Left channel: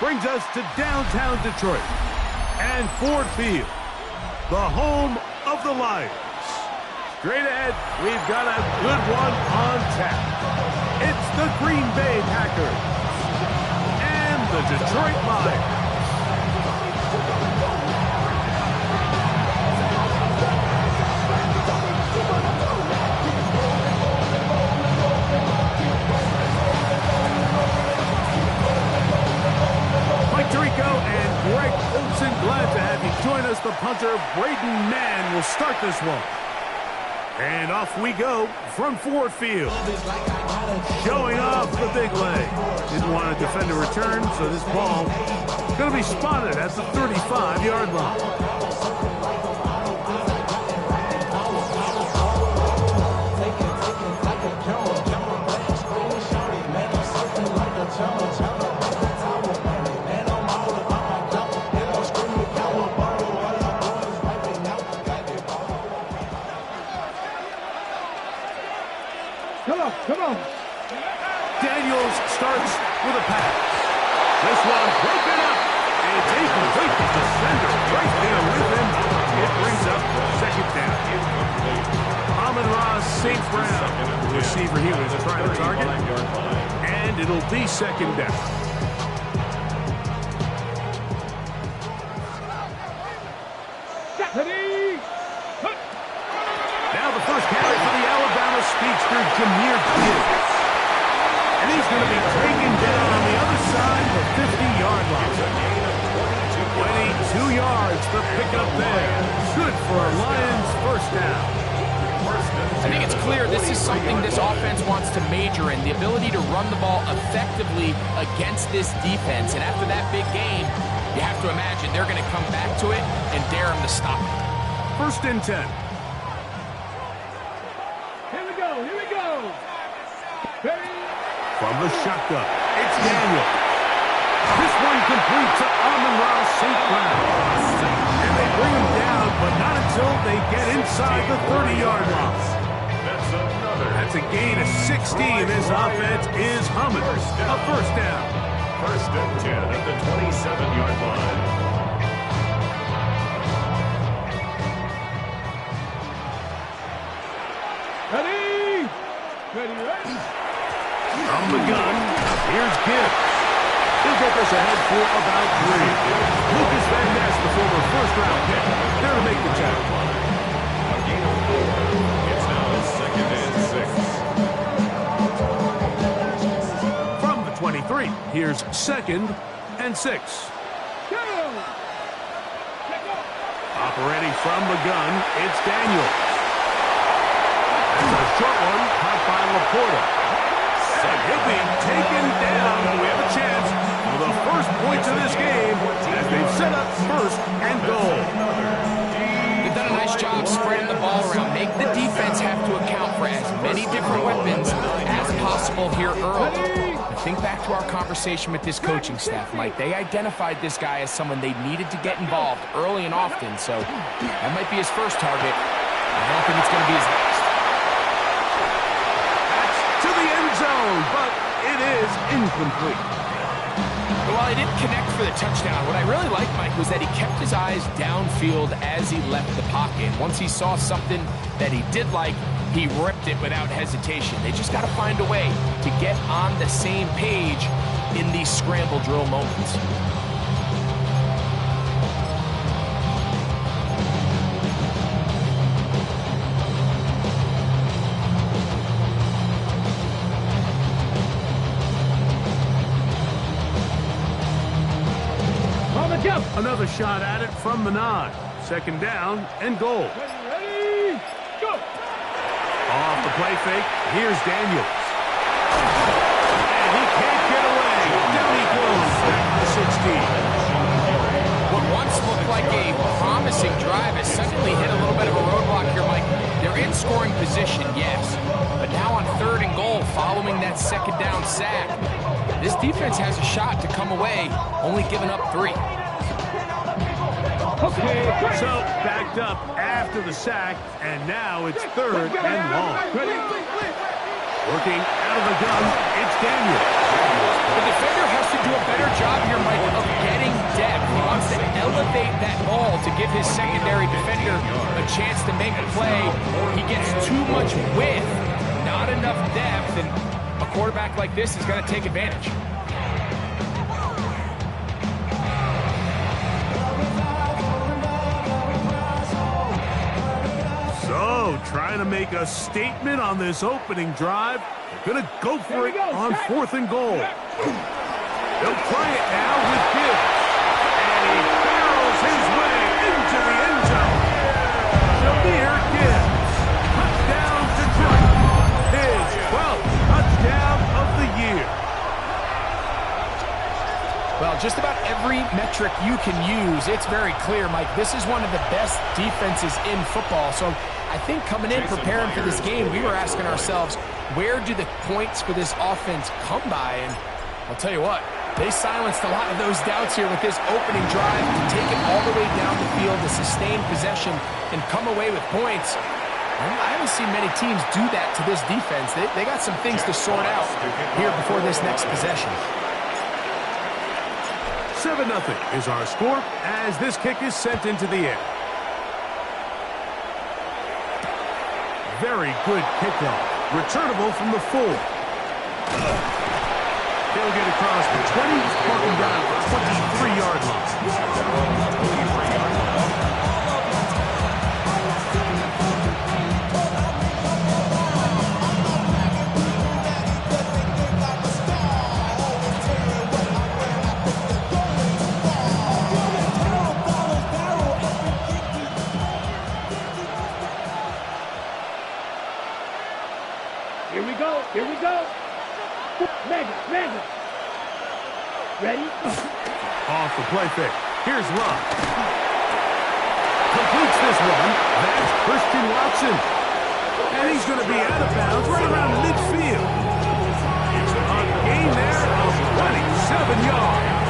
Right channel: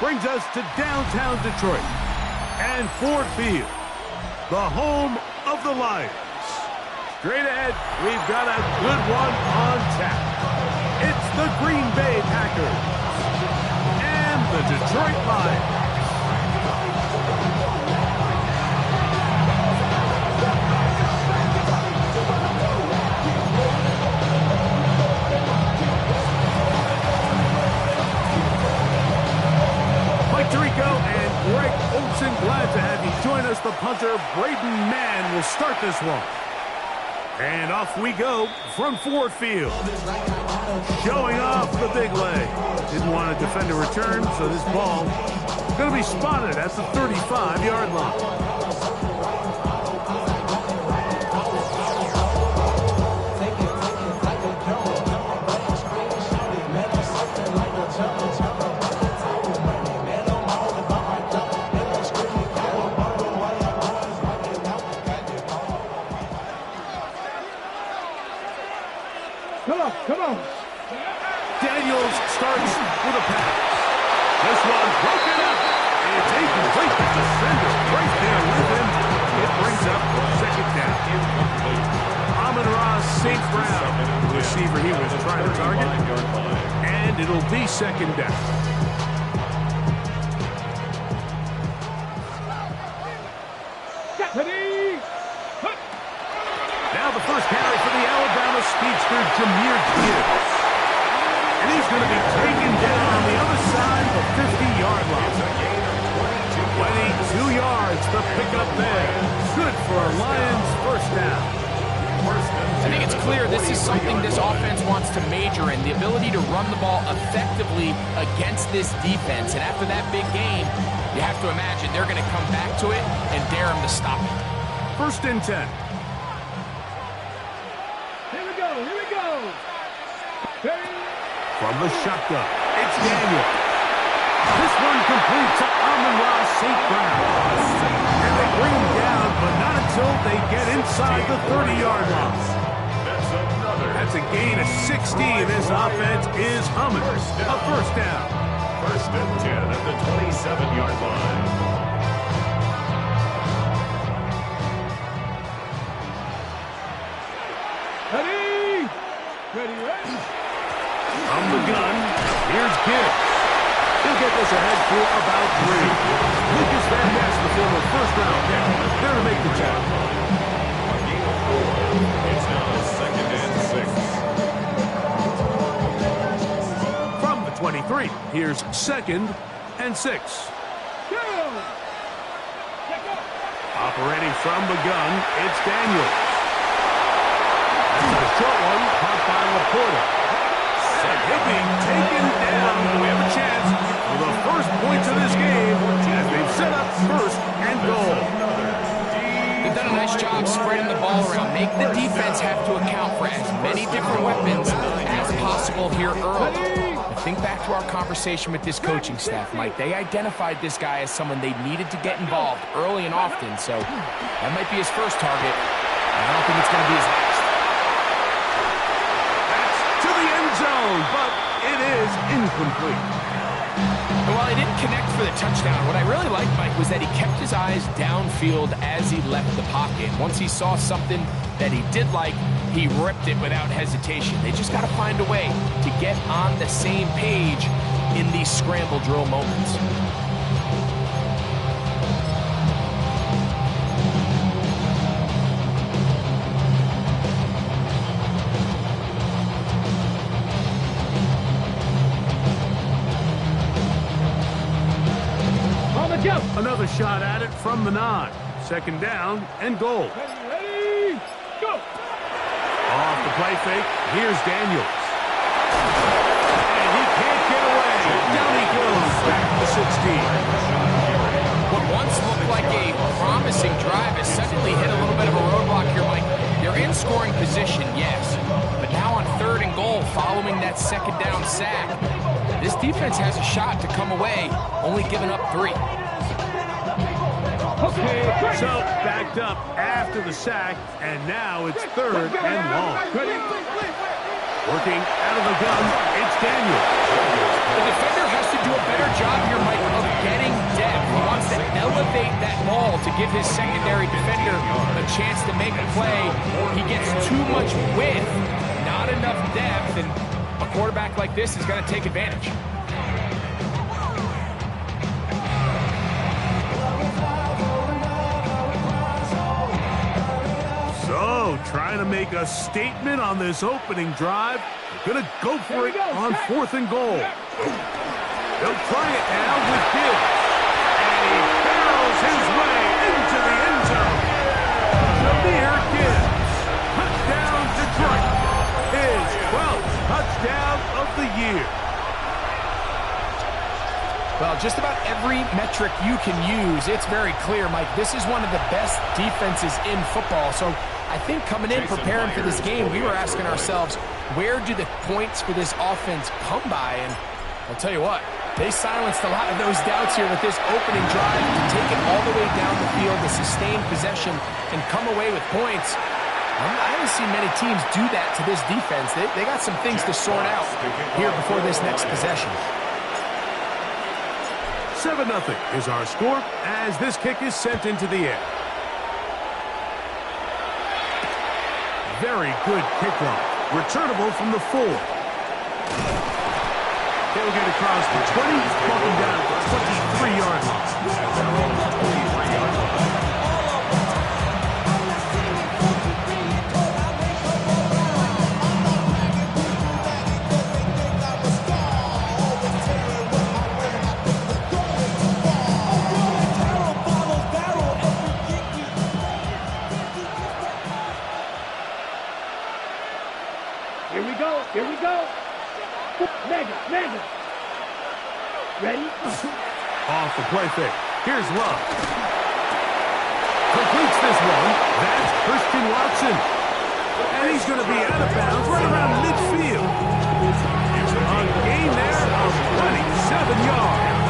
brings us to downtown Detroit and Ford Field, the home of the Lions. Straight ahead, we've got a good one on tap. It's the Green Bay Packers and the Detroit Lions. Mike Tirico and Greg Olsen, glad to have you join us. The punter, Braden Mann, will start this one. And off we go from Ford Field. Showing off the big leg. Didn't want to defend a return, so this ball going to be spotted at the 35-yard line. Come on. Daniels starts with a pass. This one broken up. It's incomplete. The defender right there with him. It brings up second down. Amon-Ra St. Brown, the receiver he was trying to target. And it'll be second down. Now the first carry for the Alabama speedster, Jahmyr Gibbs. And he's going to be taken down on the other side of the 50-yard line. 22 yards, the pickup there. Good for a Lions first down. I think it's clear this is something this offense wants to major in, the ability to run the ball effectively against this defense. And after that big game, you have to imagine they're going to come back to it and dare them to stop it. First and 10. From the shotgun, it's Daniel. This one complete to Amon-Ra St. Brown. And they bring him down, but not until they get inside the 30-yard line. That's a gain of 16. This offense is humming. A first down. First and 10 at the 27-yard line. Ready. From the gun, here's Gibbs. He'll get this ahead for about 3. Lucas Van Ness, the former first-round pick, there to make the tackle. A gain of 4. It's now second and 6. From the 23, here's second and 6. Operating from the gun, it's Daniels. That's a short one, caught by Laporta. And he'll be taken down. We have a chance for the first points of this game as they've set up first and goal. They've done a nice job spreading the ball around. Make the defense have to account for as many different weapons as possible here early. But think back to our conversation with this coaching staff, Mike. They identified this guy as someone they needed to get involved early and often. So that might be his first target. I don't think it's going to be his last. To the end zone, but it is incomplete. While he didn't connect for the touchdown, what I really liked, Mike, was that he kept his eyes downfield as he left the pocket. Once he saw something that he did like, he ripped it without hesitation. They just got to find a way to get on the same page in these scramble drill moments. Another shot at it from the 9. Second down and goal. Ready, go! Off the play fake, here's Daniels. And he can't get away. Down he goes, back to the 16. What once looked like a promising drive has suddenly hit a little bit of a roadblock here, Mike. They're in scoring position, yes. But now on 3rd and goal, following that second down sack, this defense has a shot to come away, only giving up 3. Okay, so backed up after the sack, and now it's 3rd and long. Working out of the gun, it's Daniels. The defender has to do a better job here, Mike, of getting depth. He wants to elevate that ball to give his secondary defender a chance to make a play. He gets too much width, not enough depth, and a quarterback like this is going to take advantage. So, trying to make a statement on this opening drive. They're going to go for it on 4th and goal. They'll try it now with Gibbs. And he barrels his way into the end zone. Jahmyr Gibbs. Touchdown Detroit. His 12th touchdown of the year. Well, just about every metric you can use, it's very clear, Mike. This is one of the best defenses in football. So I think coming in, preparing for this game, we were asking ourselves, where do the points for this offense come by? And I'll tell you what, they silenced a lot of those doubts here with this opening drive to take it all the way down the field, to sustain possession, and come away with points. I haven't seen many teams do that to this defense. They got some things to sort out here before this next possession. 7-0 is our score as this kick is sent into the air. Very good kickoff. Returnable from the 4. They'll get across the 20, walking down to the 23-yard line. At their own 23-yard line. Here we go. Mega. Ready? Off the play fake. Here's Love. Completes this one. That's Christian Watson. And he's going to be out of bounds right around midfield. A gain there of 27 yards.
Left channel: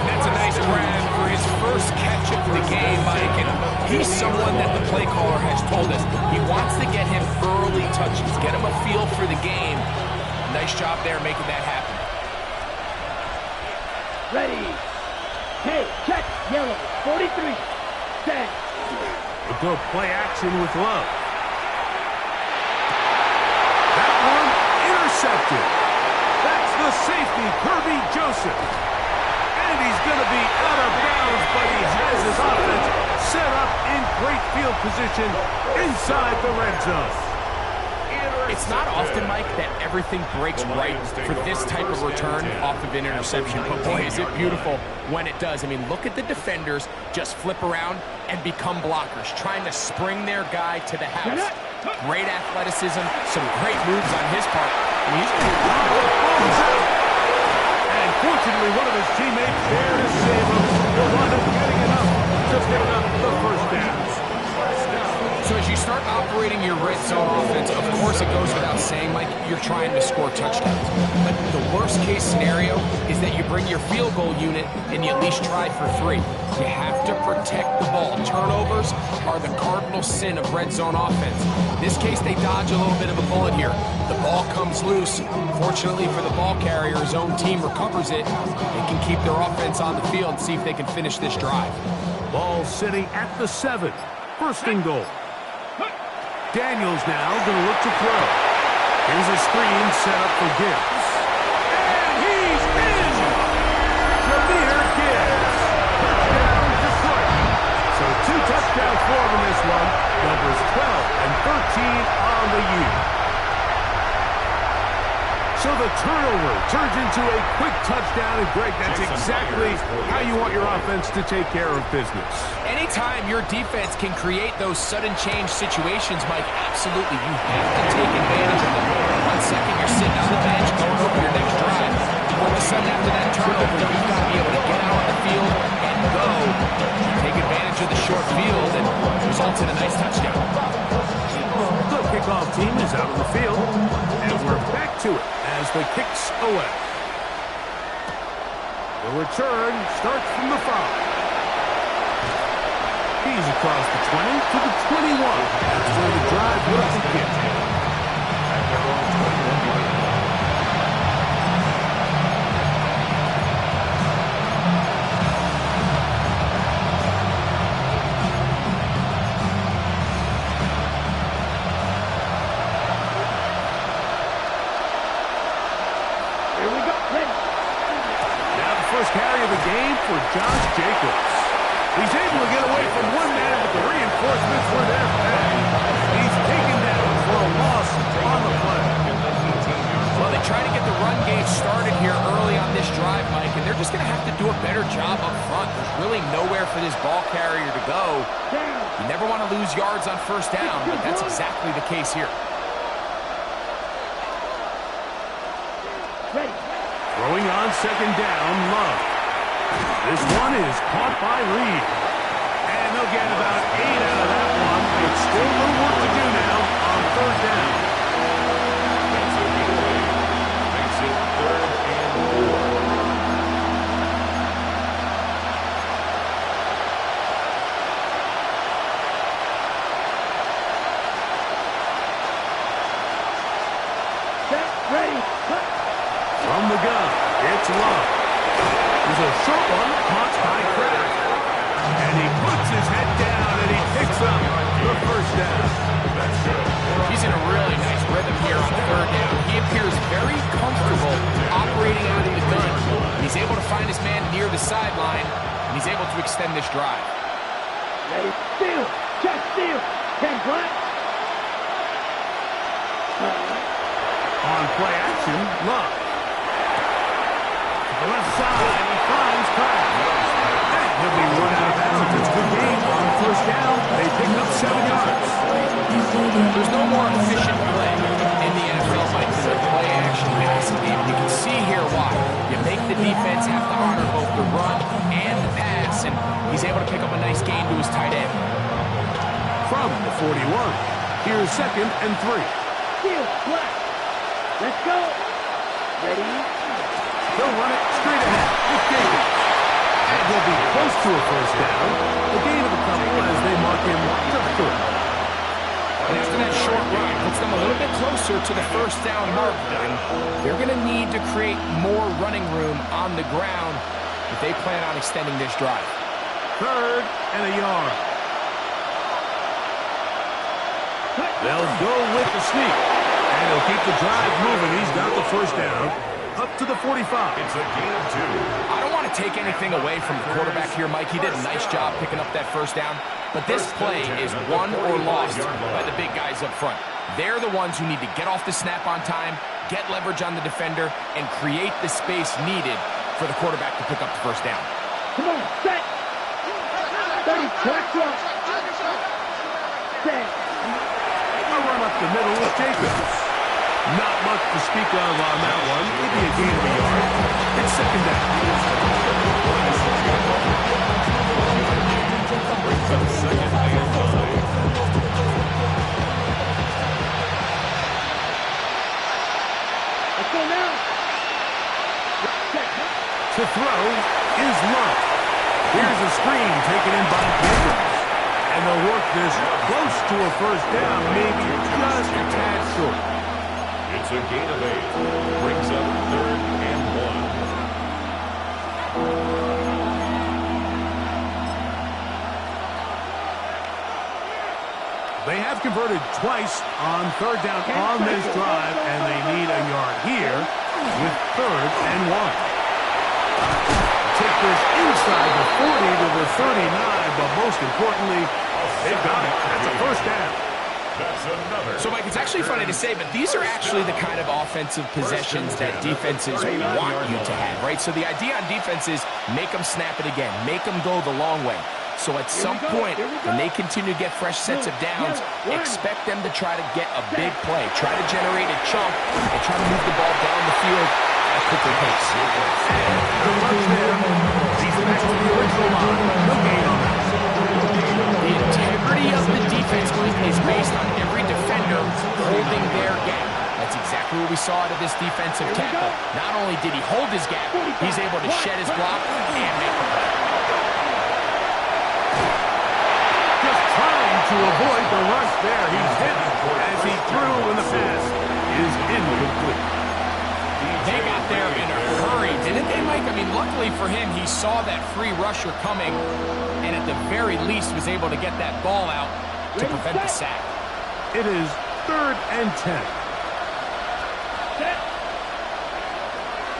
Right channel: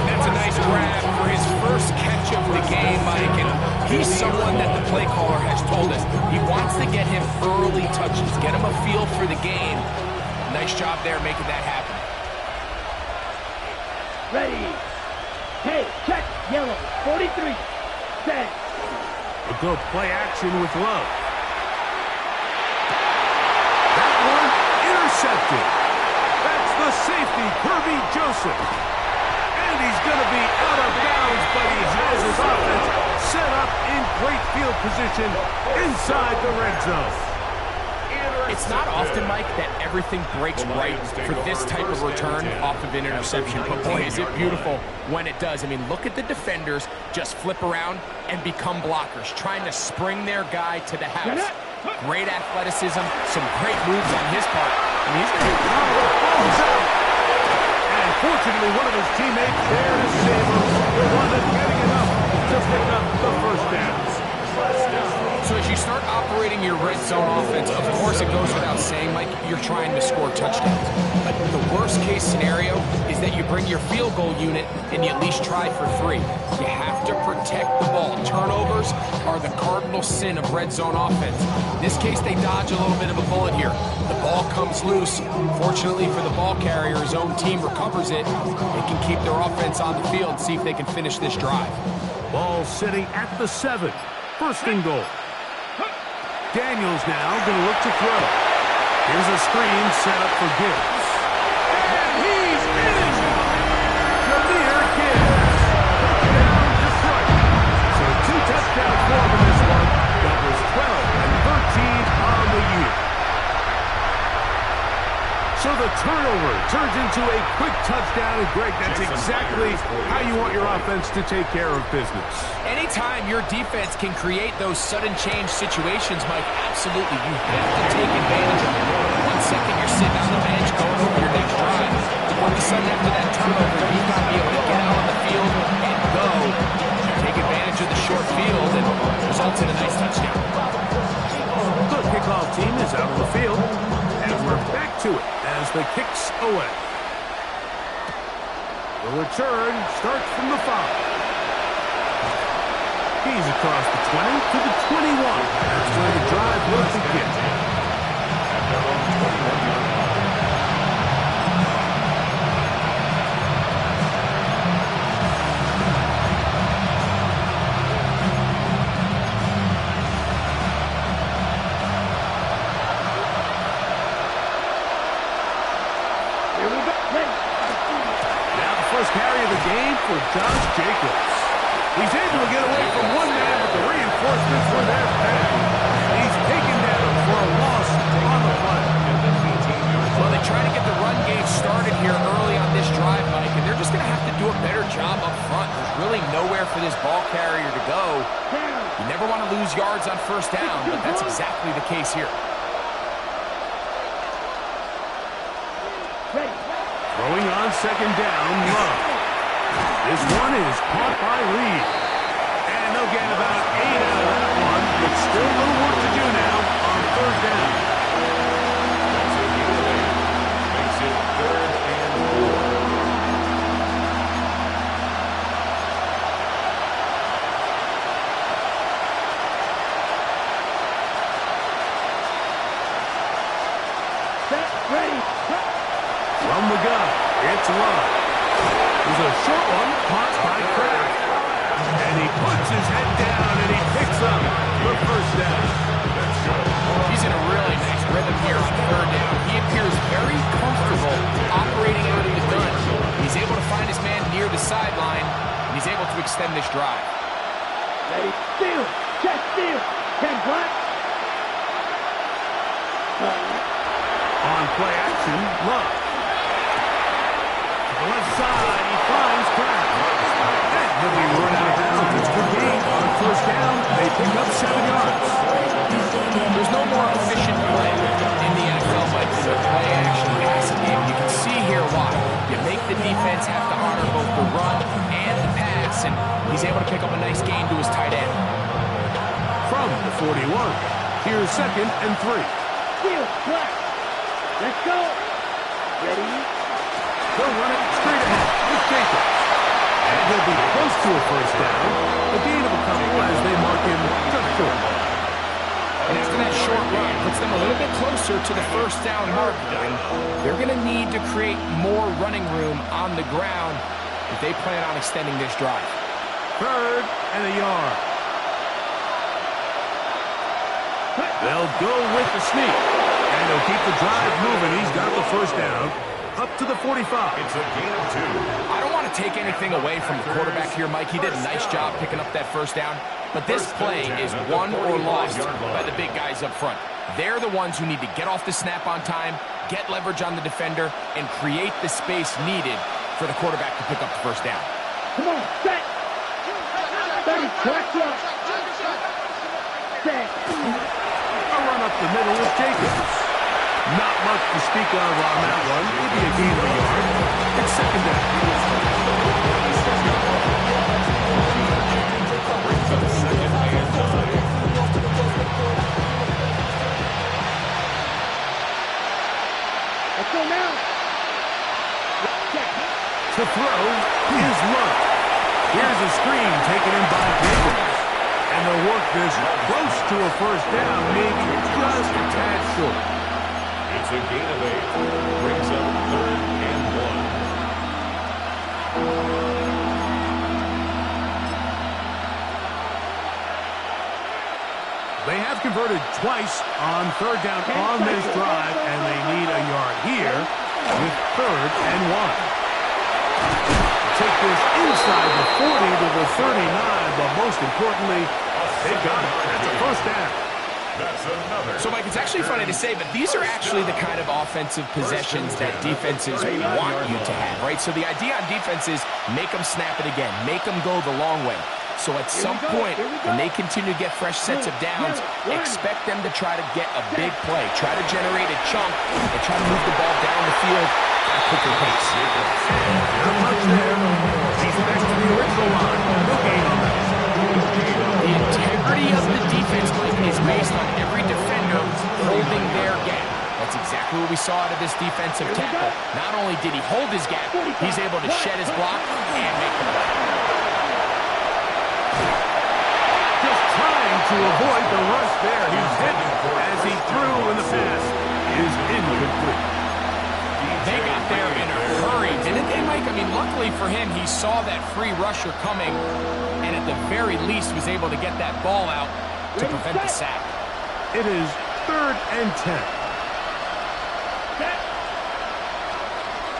And that's a nice grab for his first catch of the game, Mike. And he's someone that the play caller has told us he wants to get him early touches, get him a feel for the game. Nice job there making that happen. Ready. Hey, check. Yellow. 43. Set. A good play action with Love. That one intercepted. That's the safety, Kirby Joseph. And he's going to be out of bounds, but he has his offense set up in great field position inside the red zone. It's not often, Mike, that everything breaks right for this type of return off of an interception. But boy, is it beautiful when it does. I mean, look at the defenders just flip around and become blockers, trying to spring their guy to the house. Great athleticism, some great moves on his part. I mean, he's going to be out. And fortunately, one of his teammates there to save him. He'll wind up getting enough to pick up the first down. So as you start operating your red zone offense, of course it goes without saying, Mike, you're trying to score touchdowns. But the worst case scenario is that you bring your field goal unit and you at least try for 3. You have to protect the ball. Turnovers are the cardinal sin of red zone offense. In this case, they dodge a little bit of a bullet here. The ball comes loose. Fortunately for the ball carrier, his own team recovers it. They can keep their offense on the field and see if they can finish this drive. Ball sitting at the 7. First and goal. Daniels now going to look to throw. Here's a screen set up for Gibbs. And he's in! Jahmyr Gibbs. Touchdown, Detroit. So 2 touchdowns for him in this one. Numbers 12 and 13 on the year. So the turnover turns into a quick touchdown, and Greg, that's exactly how you want your offense to take care of business. Anytime your defense can create those sudden change situations, Mike, absolutely, you have to take advantage of it. 1 second, you're sitting on the bench going over your next drive. All of a sudden, after that turnover, you've got to be able to get out on the field and go. Take advantage of the short field and result in a nice touchdown. The kickoff team is out on the field, and we're back to it as the kick's away. The return starts from the 5. He's across the 20 to the 21. That's where the drive will begin. At their own 21-yard line. first carry of the game for Josh Jacobs. He's able to get away from one man, but the reinforcements were there fast. He's taken down for a loss on the play. Well, they try to get the run game started here early on this drive, Mike, and they're just going to have to do a better job up front. There's really nowhere for this ball carrier to go. You never want to lose yards on first down, but that's exactly the case here. Ready. Throwing on second down, Love. This one is caught by Reed. And they'll get about 8 out of that one, but still a little work to do now on third down. That's a giveaway. Makes it 3rd and 4. Set. Ready. Cut. From the gun, it's Love. There's a short one caught by Kraft. And he puts his head down and he picks up the first down. That's good. He's in a really nice rhythm here on third down. He appears very comfortable operating out of the gun. He's able to find his man near the sideline, and he's able to extend this drive. Ready. Steal. Check. Steal. 10 black. On play action, Love. To the left side, he finds Kraft. And he'll be run out of bounds. It's a good game. On first down, they pick up 7 yards. There's no more efficient play in the NFL, Mike, than the play action passing game. You can see here why. You make the defense have to honor both the run and the pass, and he's able to pick up a nice gain to his tight end. From the 41, here's 2nd and 3. Steal. Black. Let's go. Ready. They'll run it straight ahead with Jacobs. And he'll be close to a first down. A gain of a couple as they mark him just short. And after that short run, puts them a little bit closer to the first down marker. And they're going to need to create more running room on the ground if they plan on extending this drive. 3rd and a yard. They'll go with the sneak. And he'll keep the drive moving. He's got the first down up to the 45. It's a gain of 2. I don't want to take anything away from the quarterback here, Mike. He did a nice job picking up that first down. But this play is won or lost by the big guys up front. They're the ones who need to get off the snap on time, get leverage on the defender, and create the space needed for the quarterback to pick up the first down. Come on. Set. 30. Watch out. Set. A run up the middle with Jacobs. Not much to speak of on that one. Maybe a gain of a yard. It's 2nd down. Brings up 2nd and 9. Let's go now. Check. To throw is Love. Here's a screen taken in by Jacobs. And they'll work this close to a first down, maybe just a tad short. It's a gain of 8. Brings up 3rd and 1. They have converted twice on third down on this drive, and they need a yard here with 3rd and 1. Take this inside the 40 to the 39, but most importantly, they've got it. That's a first down. That's another. So, Mike, it's actually funny to say, but these are actually the kind of offensive possessions that defenses want you to have, right? So the idea on defense is make them snap it again, make them go the long way. So at some point, when they continue to get fresh sets of downs, expect them to try to get a big play, try to generate a chunk, and try to move the ball down the field at a quicker pace. The punch there. He's back to the original line. No gain on that. The integrity of the defense, Mike, is based on every defender holding their gap. That's exactly what we saw out of this defensive tackle. Not only did he hold his gap, he's able to shed his block and make the play. Just trying to avoid the rush there. He's hit as he threw, and the pass is incomplete. They got there in a hurry, didn't they, Mike? I mean, luckily for him, he saw that free rusher coming, and at the very least was able to get that ball out to prevent the sack. It is 3rd and 10. Set.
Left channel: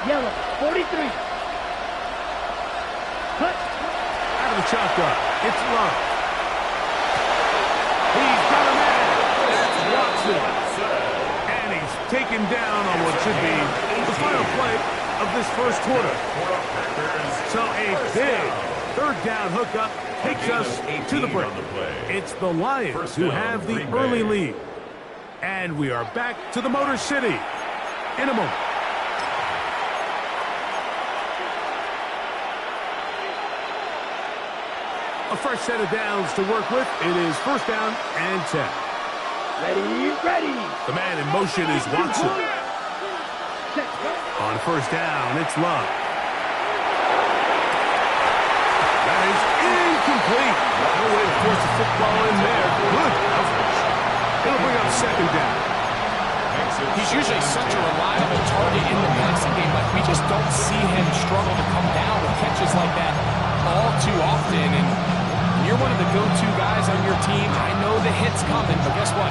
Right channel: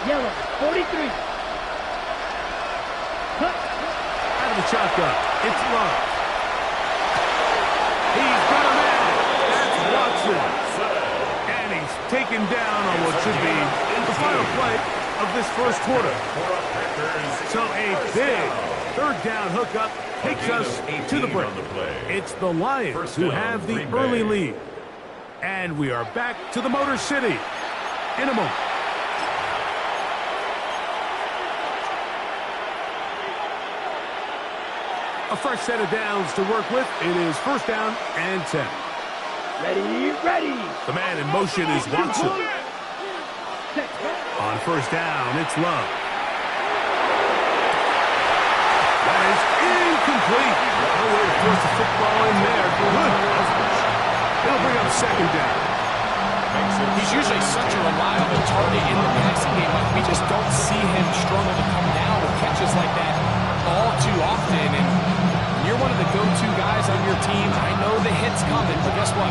Yellow, 43. the shotgun. It's Love. He's got a man. That's Watson. And he's taken down on what should be the final play of this first quarter. So a big third down hookup takes us to the break. It's the Lions who have the early lead. And we are back to the Motor City in a moment. A fresh set of downs to work with. It is first down and 10. Ready, ready. The man in motion is Watson. On first down, it's Love. That is incomplete. No way to force the football in there. Good coverage. It'll bring up second down. He's usually such a reliable target in the passing game, but we just don't see him struggle to come down with catches like that all too often. And you're one of the go-to guys on your team. I know the hit's coming, but guess what?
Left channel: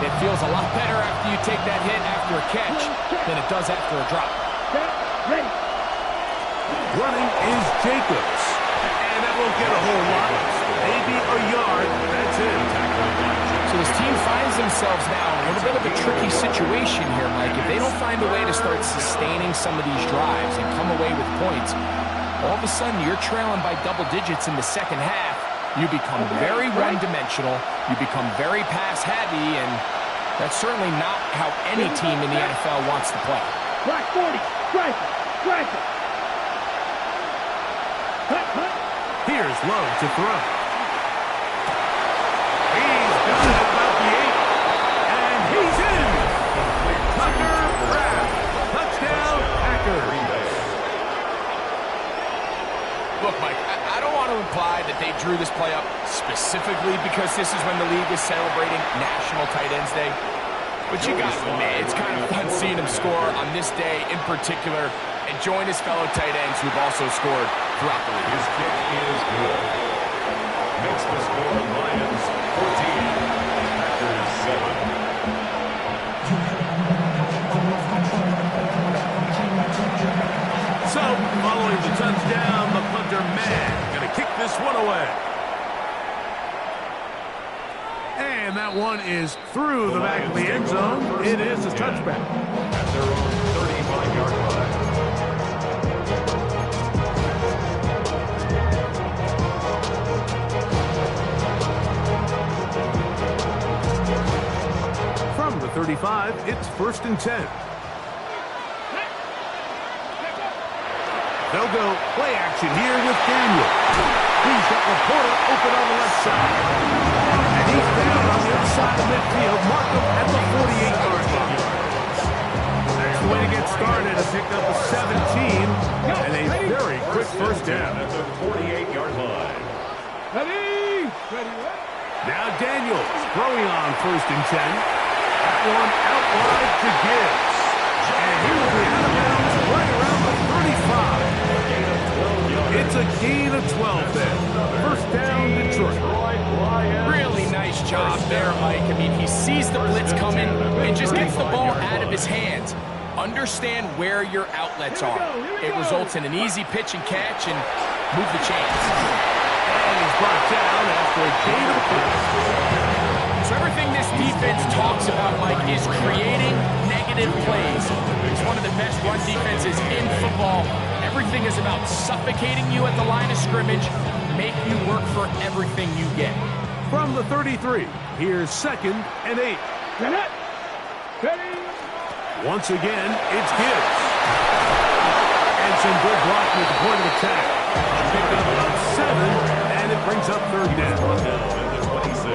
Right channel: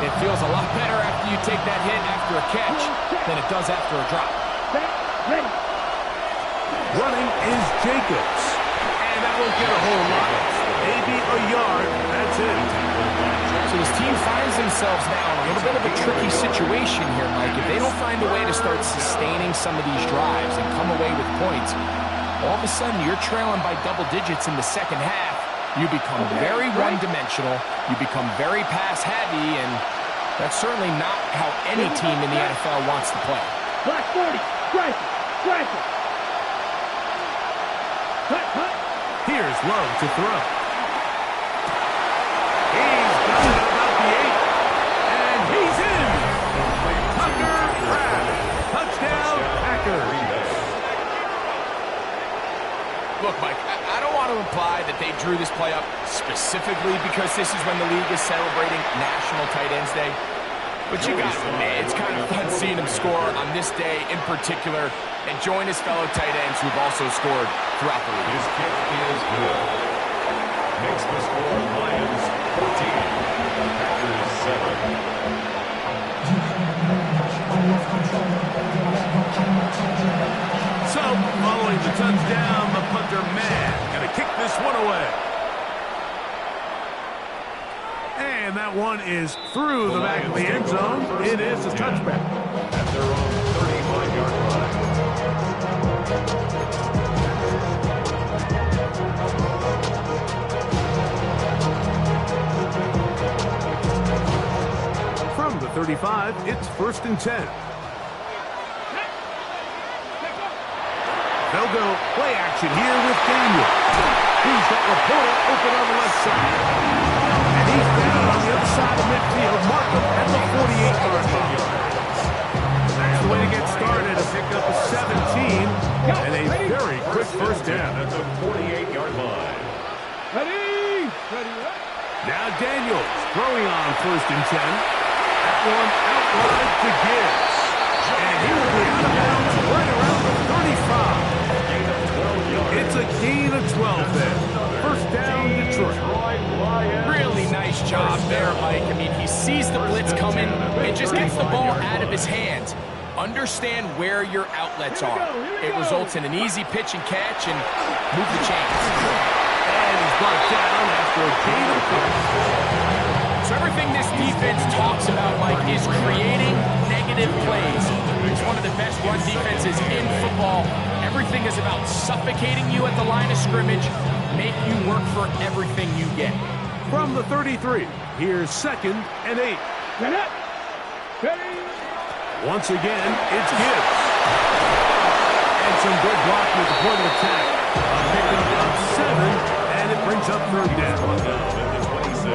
It feels a lot better after you take that hit after a catch than it does after a drop. Ready. Running is Jacobs. And that won't get a whole lot. Maybe a yard. That's it. So this team finds themselves now in a little bit of a tricky situation here, Mike. If they don't find a way to start sustaining some of these drives and come away with points, all of a sudden you're trailing by double digits in the second half. You become very one-dimensional. You become very pass-heavy, and that's certainly not how any team in the NFL wants to play. Black 40. Strike it. Strike it. Hut. Here's Lowe to throw. He's got it at about the 8. And he's in. Tucker Kraft. Touchdown, Packers. Look, Mike, I don't want to imply that they drew this play up specifically because this is when the league is celebrating National Tight Ends Day. But you got to admit, it's kind of fun seeing him score on this day in particular and join his fellow tight ends who've also scored throughout the league. His kick is good. Makes the score Lions 14, Packers 7. So, following the touchdown, the punter man going to kick this one away. And that one is through the back of the end zone. It is a touchback. At their own 35-yard line. From the 35, it's first and 10. They'll go play action here with Daniel. He's got Laporta open on the left side. And he's down on the other side of midfield. Markham at the 48-yard line. That's the way to get started. A pickup of 17 and a very quick first down. At the 48-yard line. Ready. Now Daniels throwing on first and 10. That one out wide to Gibbs. And he will be out of bounds right around the 35. It's a gain of 12 there. First down, Detroit. Really nice job there, Mike. I mean, he sees the blitz coming and just gets the ball out of his hands. Understand where your outlets are. It results in an easy pitch and catch and move the chains. And he's brought down after a gain of 5. So everything this defense talks about, Mike, is creating negative plays. It's one of the best run defenses in football. Everything is about suffocating you at the line of scrimmage, make you work for everything you get. From the 33, here's second and 8. Ready. Once again, it's Gibbs. And some good blocking at the point of attack. A pickup of 7, and it brings up third down.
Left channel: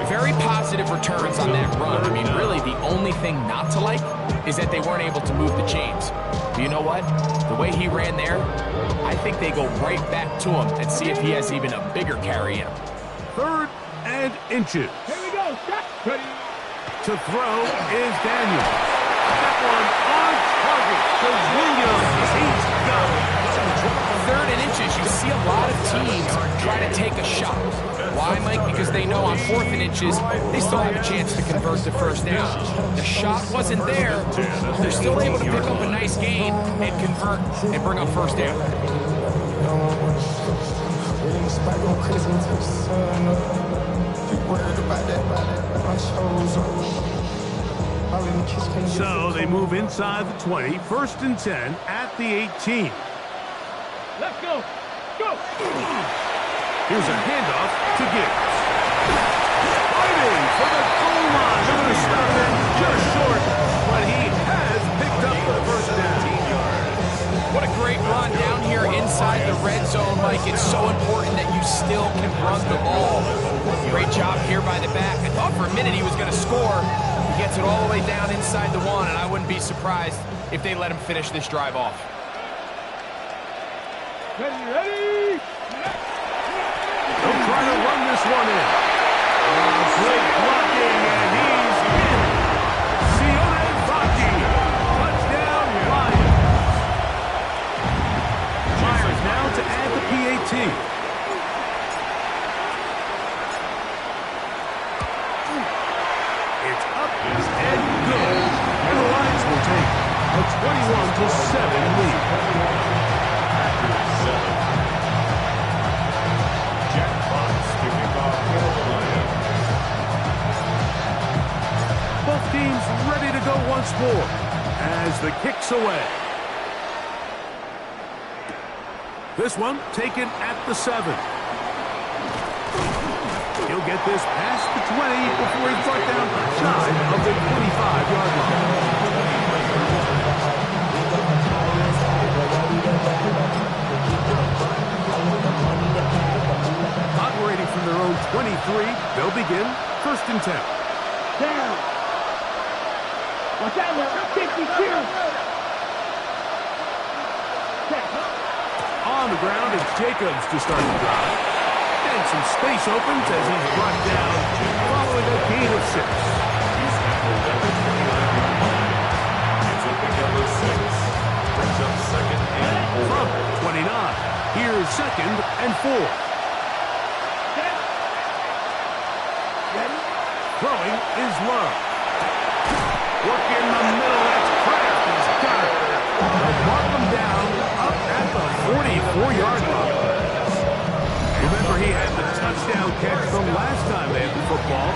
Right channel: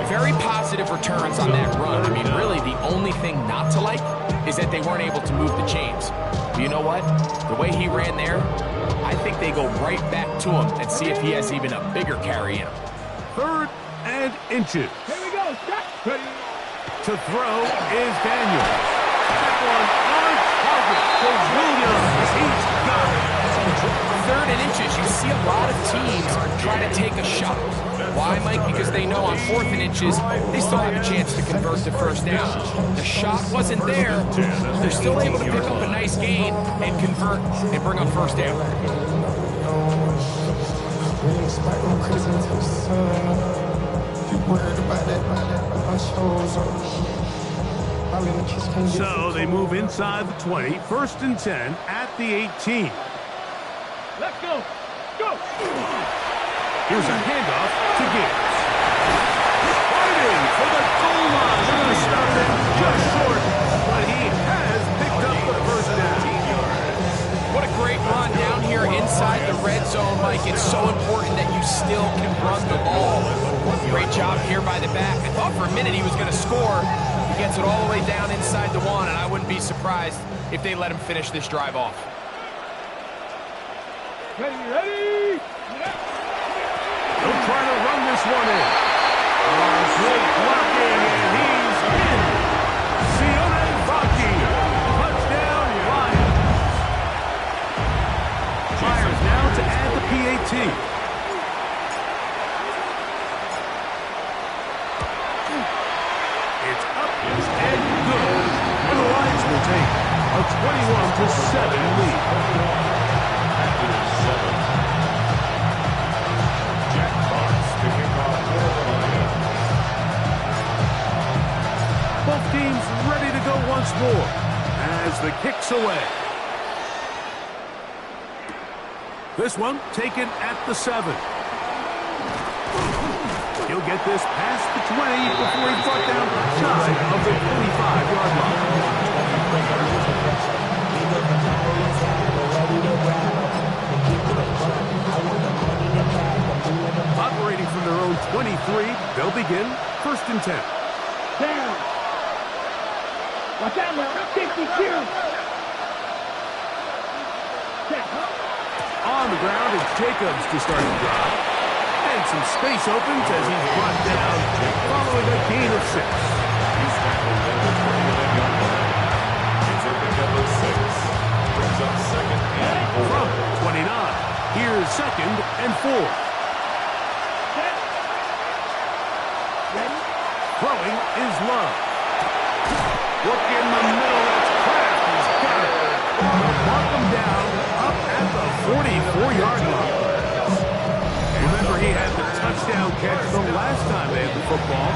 Very positive returns on that run. I mean, really, the only thing not to like is that they weren't able to move the chains. But you know what? The way he ran there, I think they go right back to him and see if he has even a bigger carry in him. Third and inches. Here we go. Ready. To throw is Daniels. That one on target to Williams. He's got it. Third and inches, you see a lot of teams try to take a shot. Why, Mike? Because they know on fourth and inches, they still have a chance to convert to first down. The shot wasn't there. They're still able to pick up a nice gain and convert and bring up first down. Really ain't spot going crazy until the sun up. You worried about that, my shows up. All in the kiss can't get So they move inside the 20, 1st and 10 at the 18. Let's go. Go. Here's a handoff to Gibbs. Fighting for the goal line. They're going to stop it just short, but he has picked up the first down. What a great run down here inside the red zone, Mike. It's so important that you still can run the ball. Great job here by the back. I thought for a minute he was going to score. He gets it all the way down inside the 1, and I wouldn't be surprised if they let him finish this drive off. Ready. They'll try to run this one in. Great blocking, and he's in. Sione Vaki. Touchdown, Lions. Myers now to add the PAT. It's up and good. And the Lions will take a 21-7 lead. After 7. Jack Fox to kick off for the Lions. Both teams ready to go once more as the kick's away. This one taken at the 7. He'll get this past the 20 before he's brought down shy of the 25-yard line. Operating from their own 23, they'll begin 1st and 10. Down. Watch out now. 50 clear. On the ground, it's Jacobs to start the drive. And some space opens as he's brought down following a gain of 6. He's tackled at the 29-yard line. It's a pickup of 6. Brings up 2nd and 4. From 29, here's 2nd and 4. Ready. Throwing is Love. Work in the middle, that's Kraft. He's got it. They'll mark him down up at the 44-yard line. Remember, he had the touchdown catch the last time they had the football.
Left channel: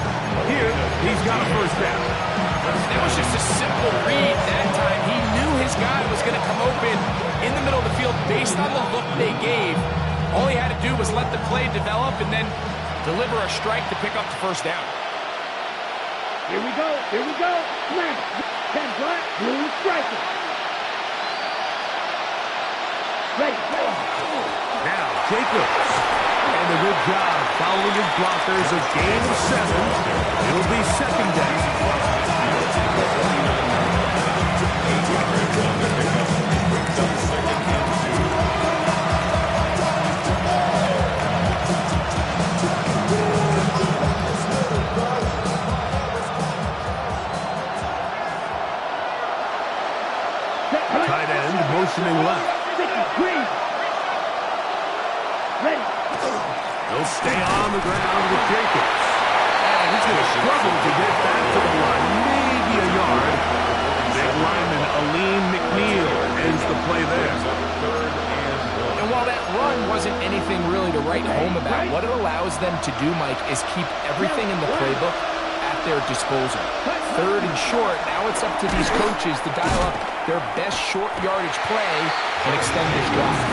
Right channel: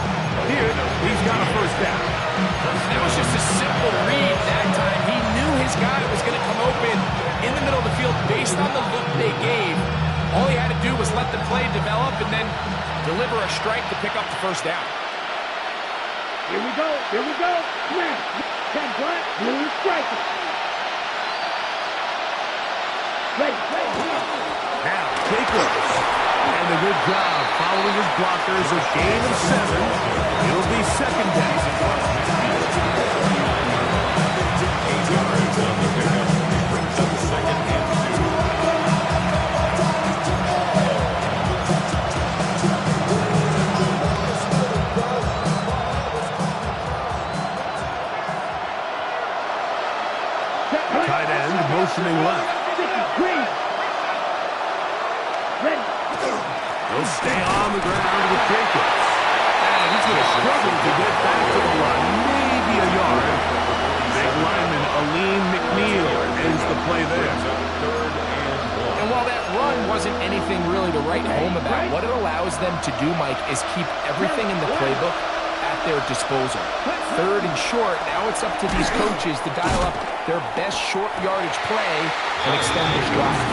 Here, he's got a first down. That was just a simple read that time. He knew his guy was going to come open in the middle of the field based on the look they gave. All he had to do was let the play develop and then deliver a strike to pick up the first down. Here we go. Smash. 10 black, blue striker. Ready. Now, Jacobs. And a good job following his blockers. A gain of 7. It'll be 2nd down. 8 yards on the pickup. Brings up 2nd and 2. Tight end motioning left. Green. Ready. He'll stay on the ground with Jacobs. And he's going to struggle to get back to the line. Maybe a yard. Big lineman Aleem McNeil ends the play there. 3rd and 1. And while that run wasn't anything really to write home about, what it allows them to do, Mike, is keep everything in the playbook at their disposal. 3rd and short, now it's up to these coaches to dial up their best short yardage play and extend this drive.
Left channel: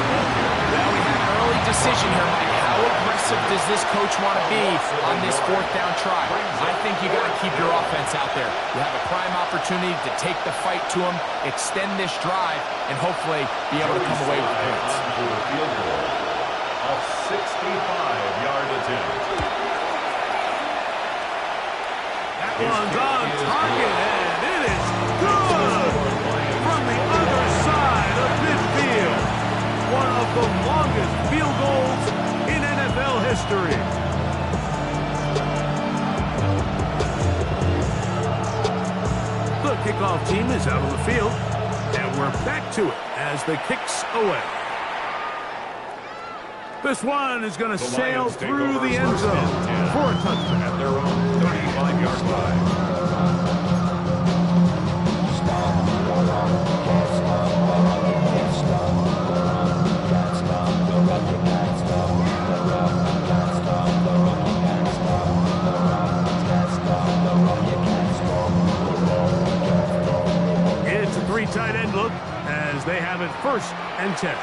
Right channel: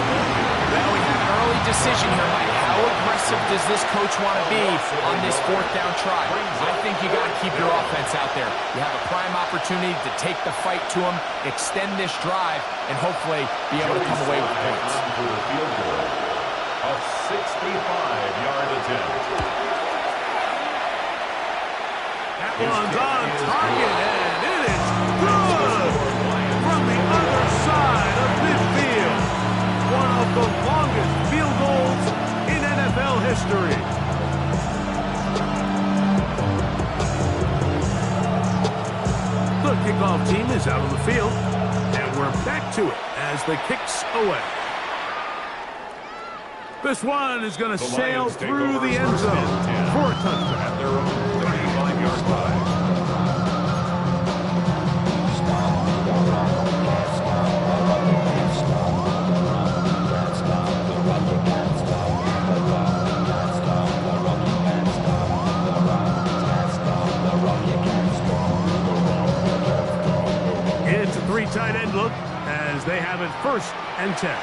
Well, we have an early decision here, Mike. How aggressive does this coach want to be on this 4th down try? I think you got to keep your offense out there. You have a prime opportunity to take the fight to them, extend this drive, and hopefully be able to come away with points. For a field goal, a 65-yard attempt. That one's on target, and it is good from the other side of midfield. One of the longest field goals in NFL history. The kickoff team is out on the field, and we're back to it as the kick's away. This one is going to sail through the end zone for a touchdown. At their own 35-yard line. very tight end look as they have it 1st and 10.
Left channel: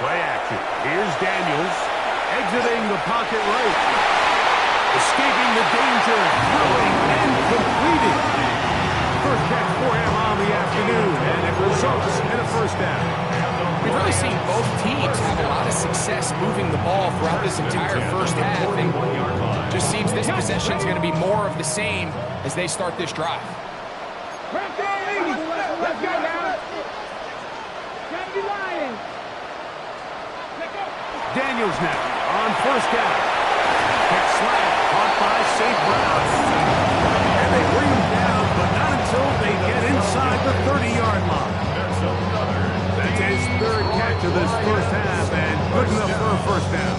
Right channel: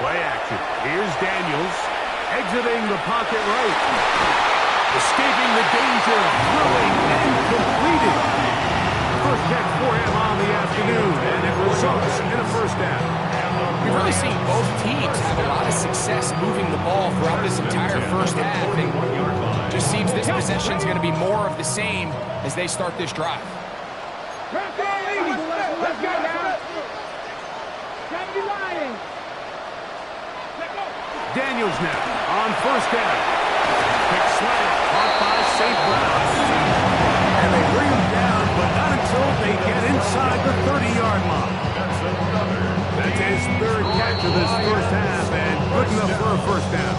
Play action. Here's Daniels exiting the pocket right. Escaping the danger, throwing and completing. First catch for him on the afternoon, and it results in a 1st down. We've really seen both teams have a lot of success moving the ball throughout this entire first half, and just seems this possession is going to be more of the same as they start this drive. Let's go now. Gotta be lying. Daniels now on 1st down. Pick slant, caught by St. Brown. And they bring him down, but not until they get inside the 30-yard line. That's his 3rd catch of this first half, and good enough for a 1st down.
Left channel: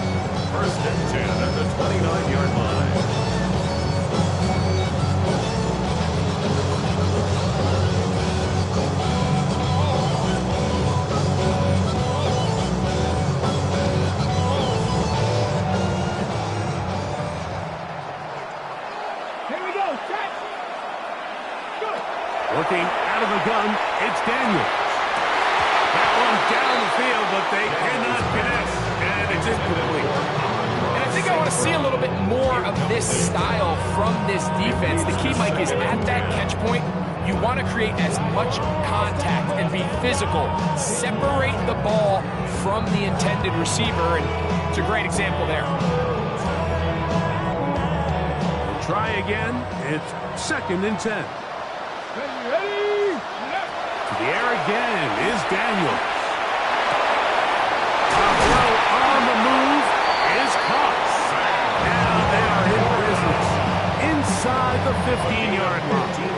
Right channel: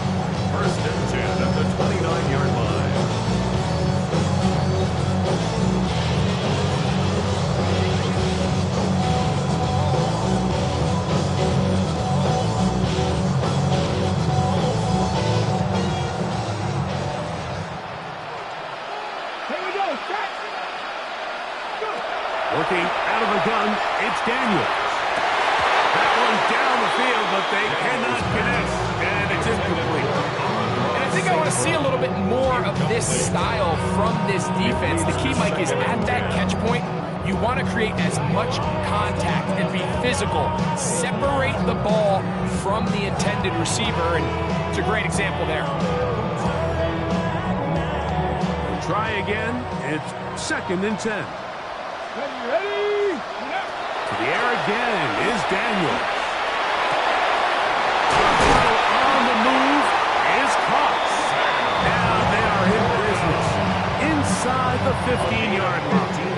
1st and 10 at the 29-yard line. Working out of the gun, it's Daniels. That one down the field, but they cannot connect, and it's incomplete. And I think I want to see a little bit more of this style from this defense. The key, Mike, is at that catch point, you want to create as much contact and be physical. Separate the ball from the intended receiver, and it's a great example there. Try again. It's 2nd and 10. Ready? To the air again is Daniels. A throw on the move is caught. Now they are in business inside the 15-yard line.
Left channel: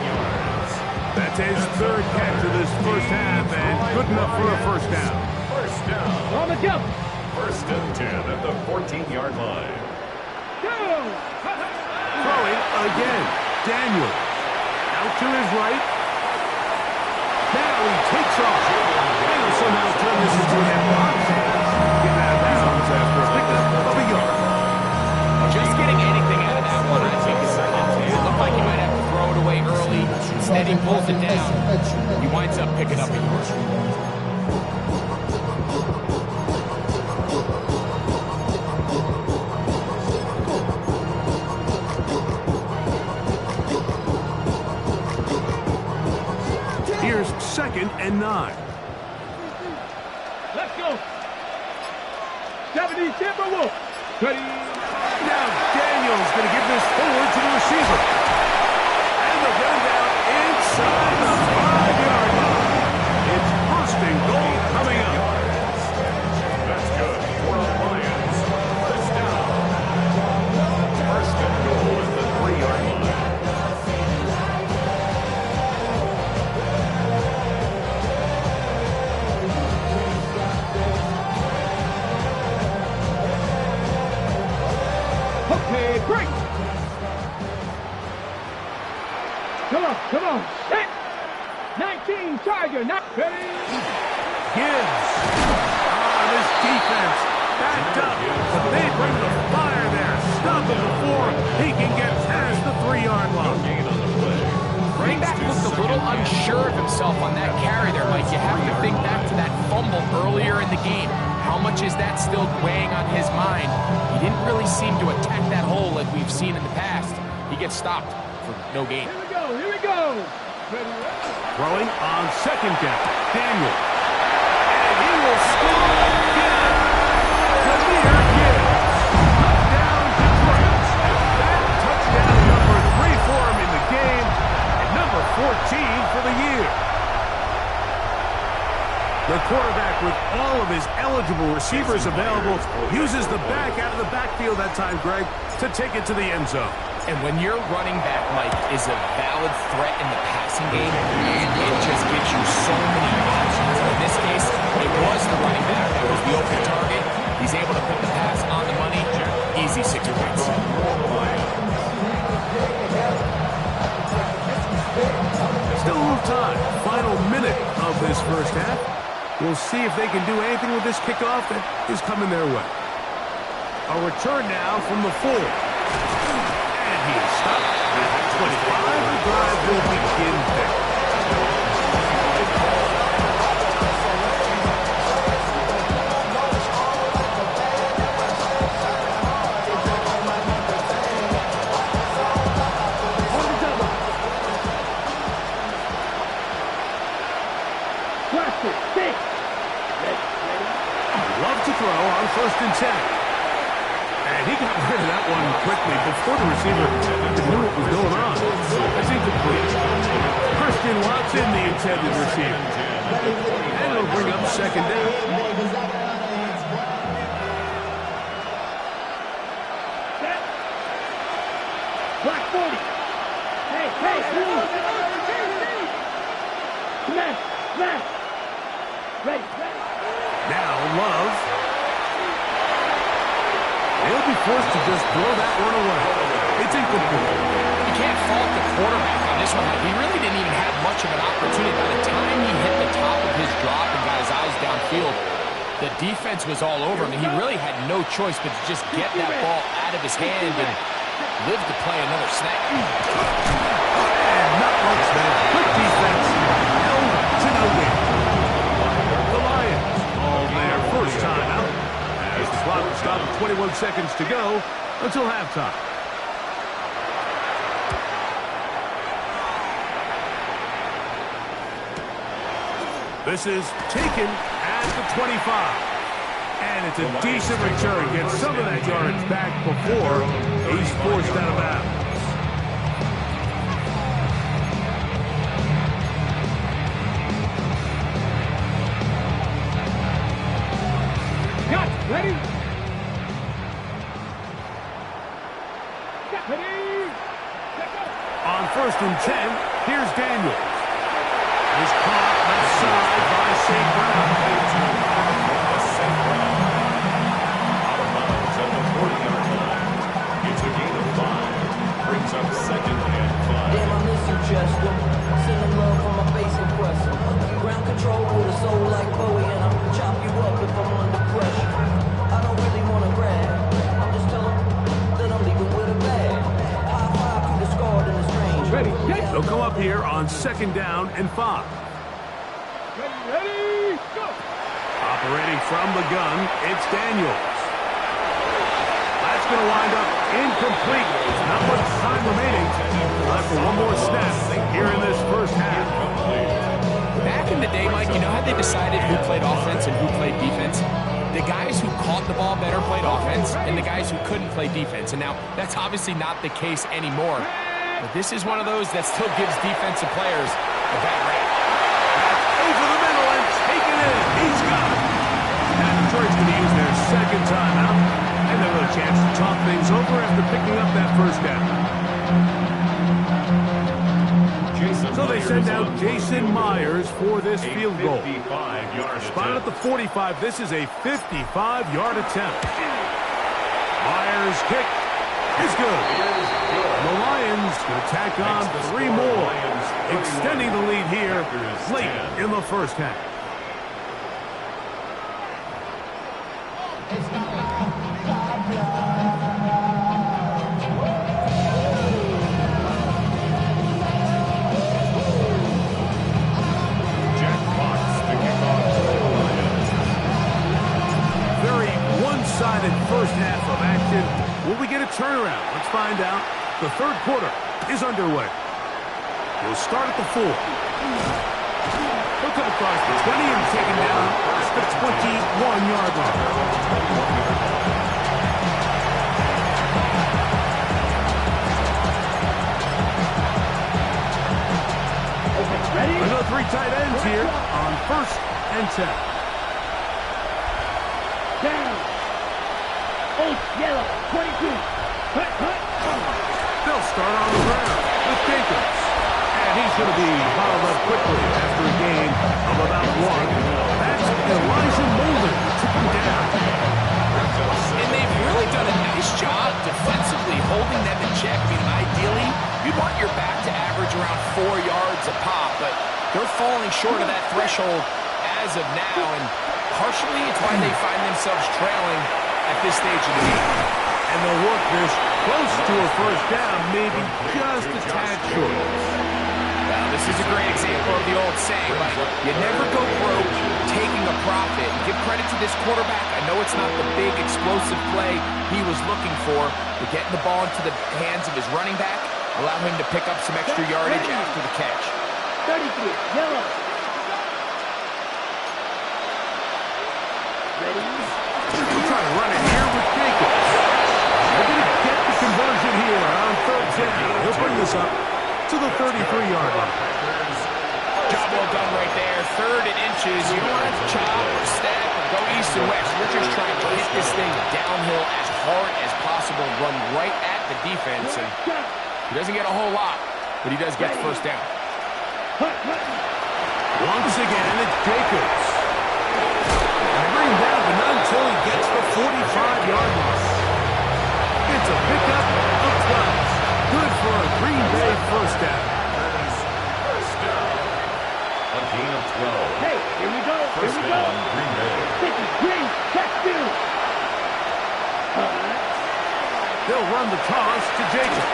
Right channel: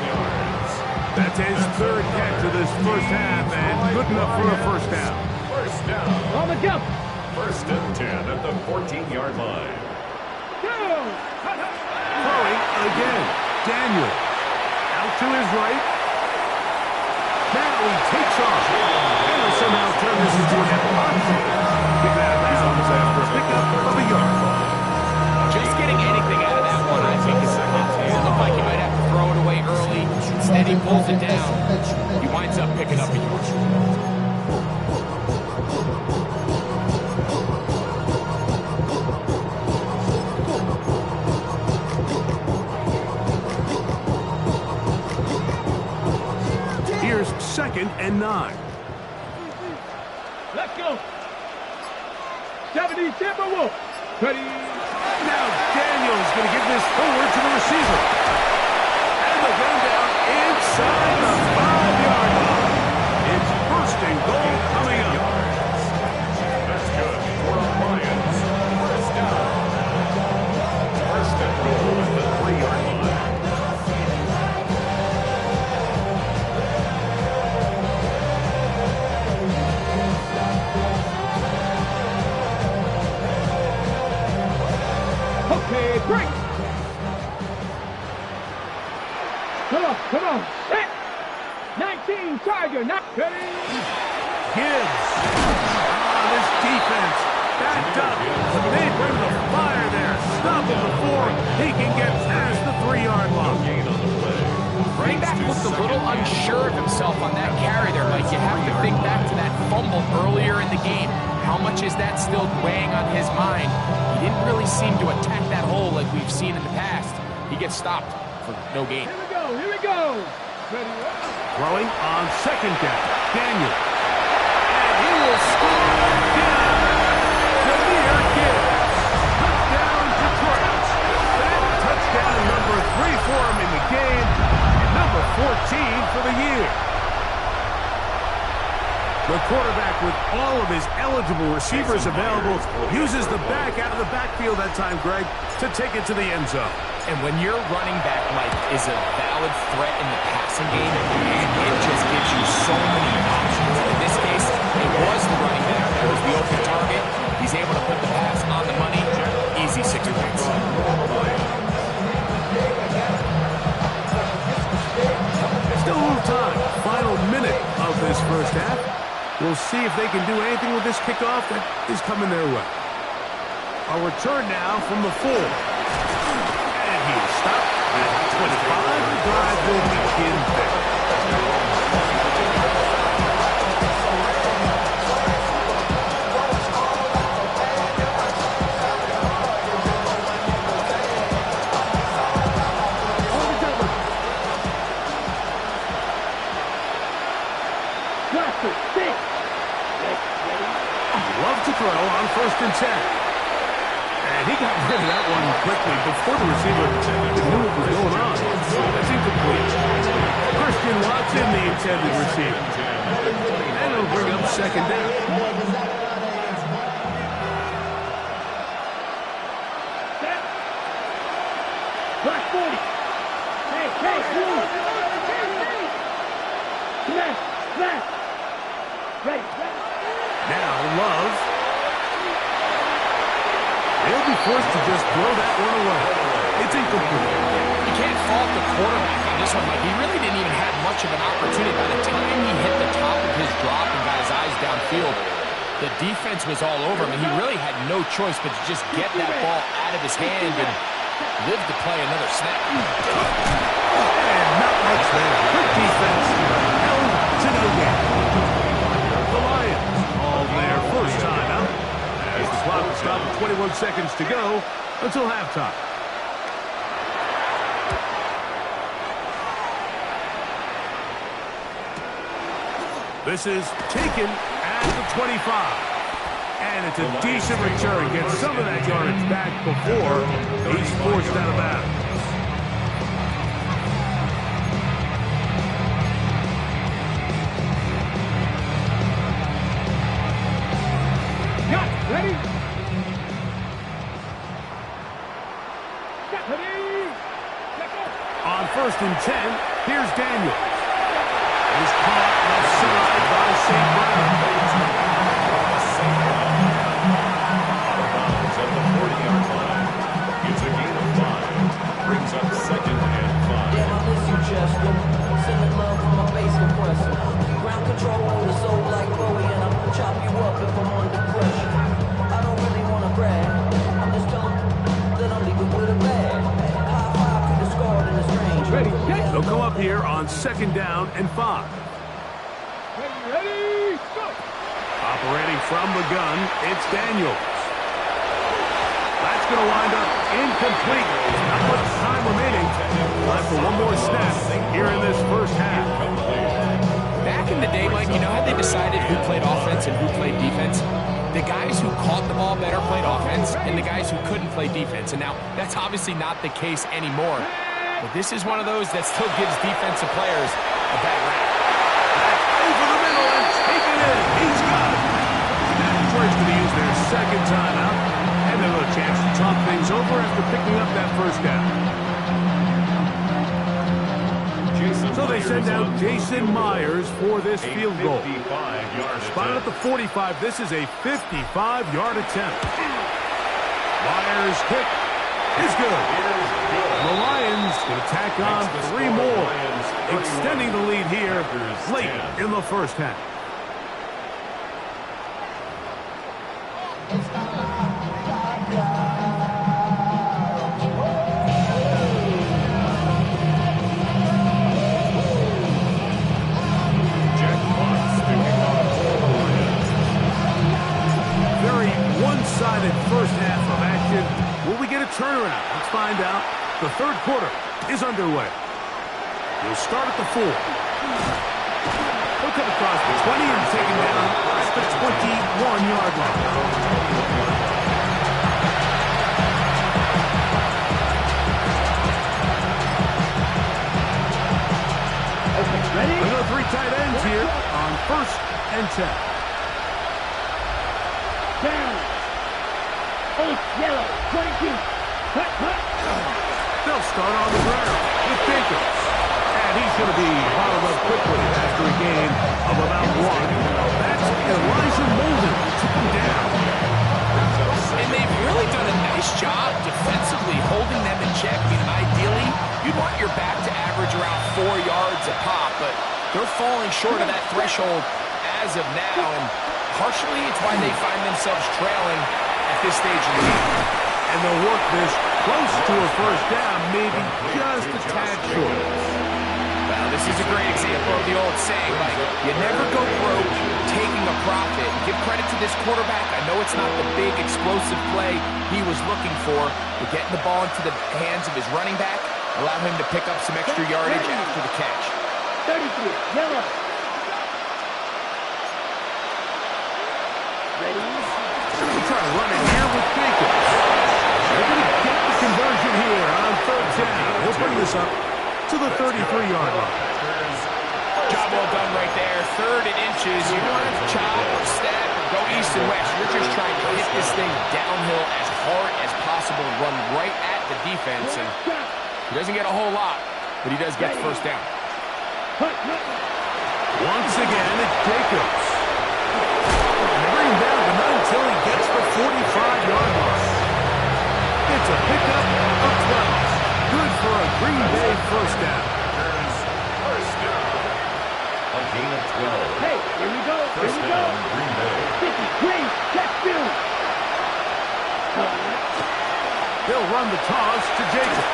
That's his 3rd catch of this first half, and good enough for a 1st down. 1st down. On the jump. 1st and 10 at the 14-yard line. Throwing again, Daniels. Out to his right. Now he takes off. And he'll somehow turn this into an empty. Get out of bounds after a pickup of a yard. Just getting anything out of that one, I think, is possible. It looked like he might have to throw it away early. Instead, he pulls it down. He winds up picking up a yard. Here's 2nd and 9. Let's go. 70 Timberwolves. Ready? Now Daniels going to give this forward to the receiver. And they'll get him down inside the 5-yard line. It's 1st and goal coming up. That's good for the Lions. 1st down. 1st and goal at the 3-yard line. Okay, great. Come on. Set. 19, Tiger, not ready. Gibbs. This defense backed up, but they bring the fire there. Stop him before he can get past the 3-yard line. Gain on the play. Running back looked a little unsure of himself on that carry there, Mike. You have to think back to that fumble earlier in the game. How much is that still weighing on his mind? He didn't really seem to attack that hole like we've seen in the past. He gets stopped for no gain. Here we go. Ready? Throwing on 2nd down. Daniel. And he will score again. Jahmyr Gibbs. Touchdown, Detroit. That touchdown number 3 for him in the game, and number 14 for the year. The quarterback, with all of his eligible receivers available, uses the back out of the backfield that time, Greg, to take it to the end zone. And when your running back, Mike, is a valid threat in the passing game, and it just gives you so many options. In this case, it was the running back that was the open target. He's able to put the pass on the money. Easy 6 points. Still a little time. Final minute of this first half. We'll see if they can do anything with this kickoff that is coming their way. A return now from the 4. And He's stopped at 25. The drive will begin there. Love to throw on 1st and 10. And he got rid of that one quickly before the receiver knew what was going on. That's incomplete. Christian Watson, the intended receiver. And it'll bring up 2nd down. Black 40. Hey, move. Smash. Ready. Now Love. He'll be forced to just throw that one away. It's incomplete. You can't fault the quarterback on this one. Like, he really didn't even have much of an opportunity. By the time he hit the top of his drop and got his eyes downfield, the defense was all over him, and he really had no choice but to just get that ball out of his hand and live to play another snap. And not much there. Quick defense. Held to no gain. The Lions on their first time out. As the clock will stop with 21 seconds to go until halftime. This is taken at the 25. And it's a decent return. Gets some of that yardage back before he's forced out of bounds. Ready? On 1st and 10, here's Daniels. He's caught left side by St. Brown. St. Brown out of bounds at the 40-yard line. It's a gain of 5. Brings up 2nd and 5. Damn, I miss you, Chester. Sending love from my bass compressor. Ground control with a soul like Bowie, and I'll chop you up if I'm under pressure. I don't really want to brag. I'm just telling that I'm leaving with a bag. High five to the scarred and the strange. Ready, They'll come up here on 2nd down and 5. Ready, go! Operating from the gun, it's Daniels. That's going to wind up incomplete. Not much time remaining. Time for one more snap here in this first half. Back in the day, Mike, you know how they decided who played offense and who played defense? The guys who caught the ball better played offense, and the guys who couldn't play defense. And now, that's obviously not the case anymore. But this is one of those that still gives defensive players a bad rap. That's over the middle and taken in. He's got it. Now Detroit's going to use their 2nd timeout, and they'll have a chance to talk things over after picking up that 1st down. So they send out Jason Myers for this field goal. Spotted at the 45. This is a 55-yard attempt. Myers' kick is good. And the Lions going to tack on 3 more, extending the lead here late in the first half. One-sided first half of action. Will we get a turnaround? Let's find out. The 3rd quarter is underway. He'll start at the 4. He'll come across the 20 and taken down at the 21-yard line. Okay, ready? Another 3 tight ends here on 1st and 10. Down. Old yellow, 22. Hut. They'll start on the ground with Jacobs. And he's going to be bottled up quickly after a gain of about 1. That's Elijah Molden who took him down. And they've really done a nice job defensively holding them in check. I mean, ideally, you'd want your back to average around 4 yards a pop, but they're falling short of that threshold as of now, and partially it's why they find themselves trailing at this stage of the game. And they'll work this close to a first down, maybe just a tad short. Well, this is a great example of the old saying, like, you never go broke taking a profit. Give credit to this quarterback. I know it's not the big, explosive play he was looking for, but getting the ball into the hands of his running back, allow him to pick up some extra yardage after the catch. 33, yellow. Ready? We're trying to run it here with Jacobs. They're going to get the conversion here on third down. He'll bring this up to the 33-yard line. Job well done right there. 3rd and inches. You don't want to chop or step or go east and west. You're just trying to hit this thing downhill as hard as possible and run right at the defense. And he doesn't get a whole lot, but he does get the first down. Once again, it's Jacobs. And they bring him down, but not until he gets the 45-yard line. It's a pickup of 12. Good for a Green Bay first down. First down. A gain of 12. Hey, here we go. First Here we down, go. Green Bay. 50, green, check field. They'll run the toss to Jacobs.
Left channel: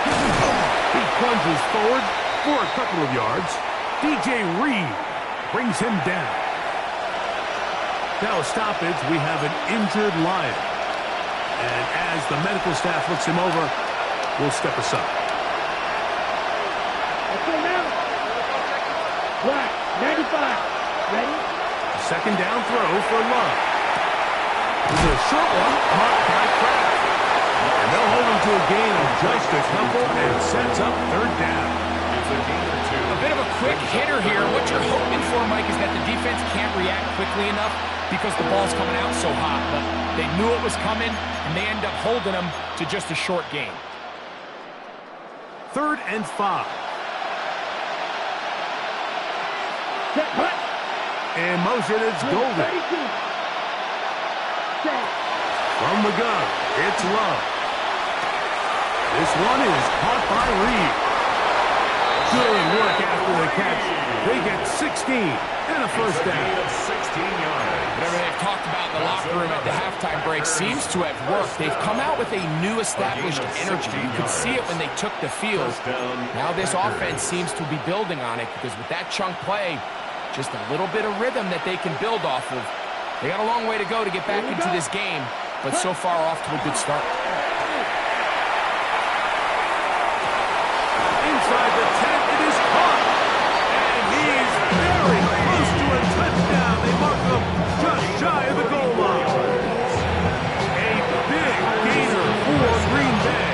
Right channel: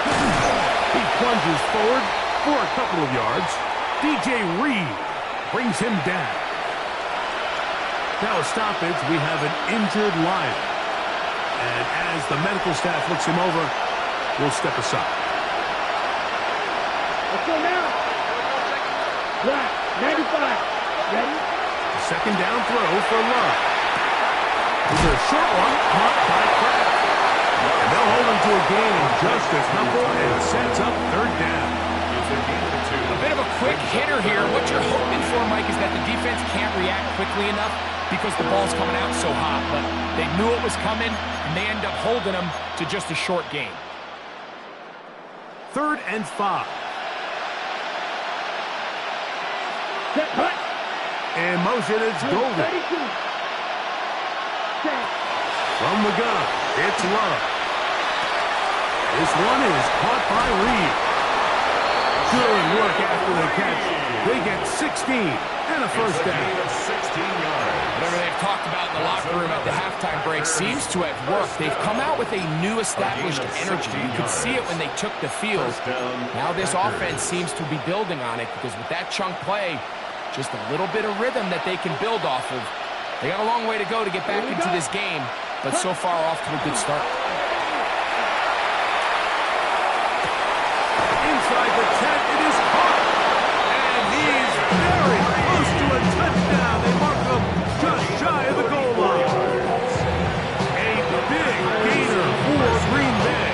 He plunges forward for a couple of yards. DJ Reed brings him down. Now a stoppage, we have an injured Lion. And as the medical staff looks him over, we'll step aside. Let's go now. Black, 95. Ready? Second down throw for Love. It's a short one caught by Kraft. And they'll hold him to a gain of just a couple and sets up third down. It's a gain of 2. A bit of a quick hitter here. What you're hoping for, Mike, is that the defense can't react quickly enough because the ball's coming out so hot. But they knew it was coming, and they end up holding them to just a short gain. 3rd and 5. Set, hut. In motion, it's Golden. 32. Set. From the gun, it's Love. This one is caught by Reed. Good work after the catch. They get 16 and a first down. Gain of 16 yards. Whatever they've talked about in the locker room at the halftime break seems to have worked. They've come out with a new established energy. You could see it when they took the field. Now this offense seems to be building on it because with that chunk play, just a little bit of rhythm that they can build off of. They got a long way to go to get back into this game, but so far off to a good start. Inside the 10, it is caught. And he's very close to a touchdown. They mark him just shy of the goal line. A big gainer for Green Bay.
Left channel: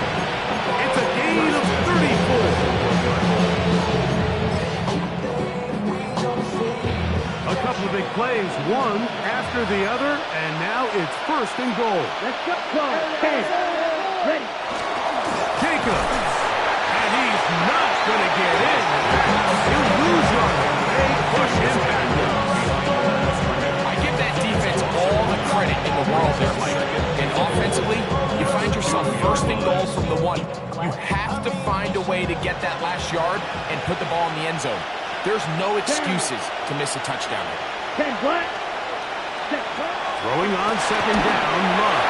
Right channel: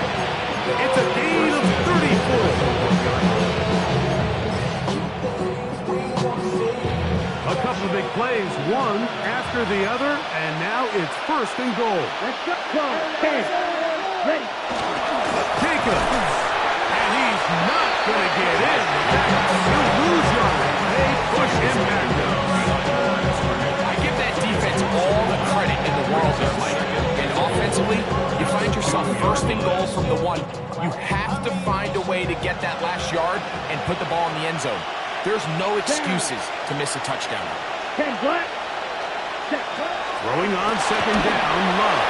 It's a gain of 34. A couple of big plays, one after the other, and now it's 1st and goal. Let's go. 10. Ready. Jacobs. And he's not going to get in. In fact, he'll lose yardage. They push him back down. I give that defense all the credit in the world there, Mike. And offensively, you find yourself 1st and goal from the 1. You have to find a way to get that last yard and put the ball in the end zone. There's no excuses to miss a touchdown here. 10, black. Set, black. Throwing on 2nd down, Love.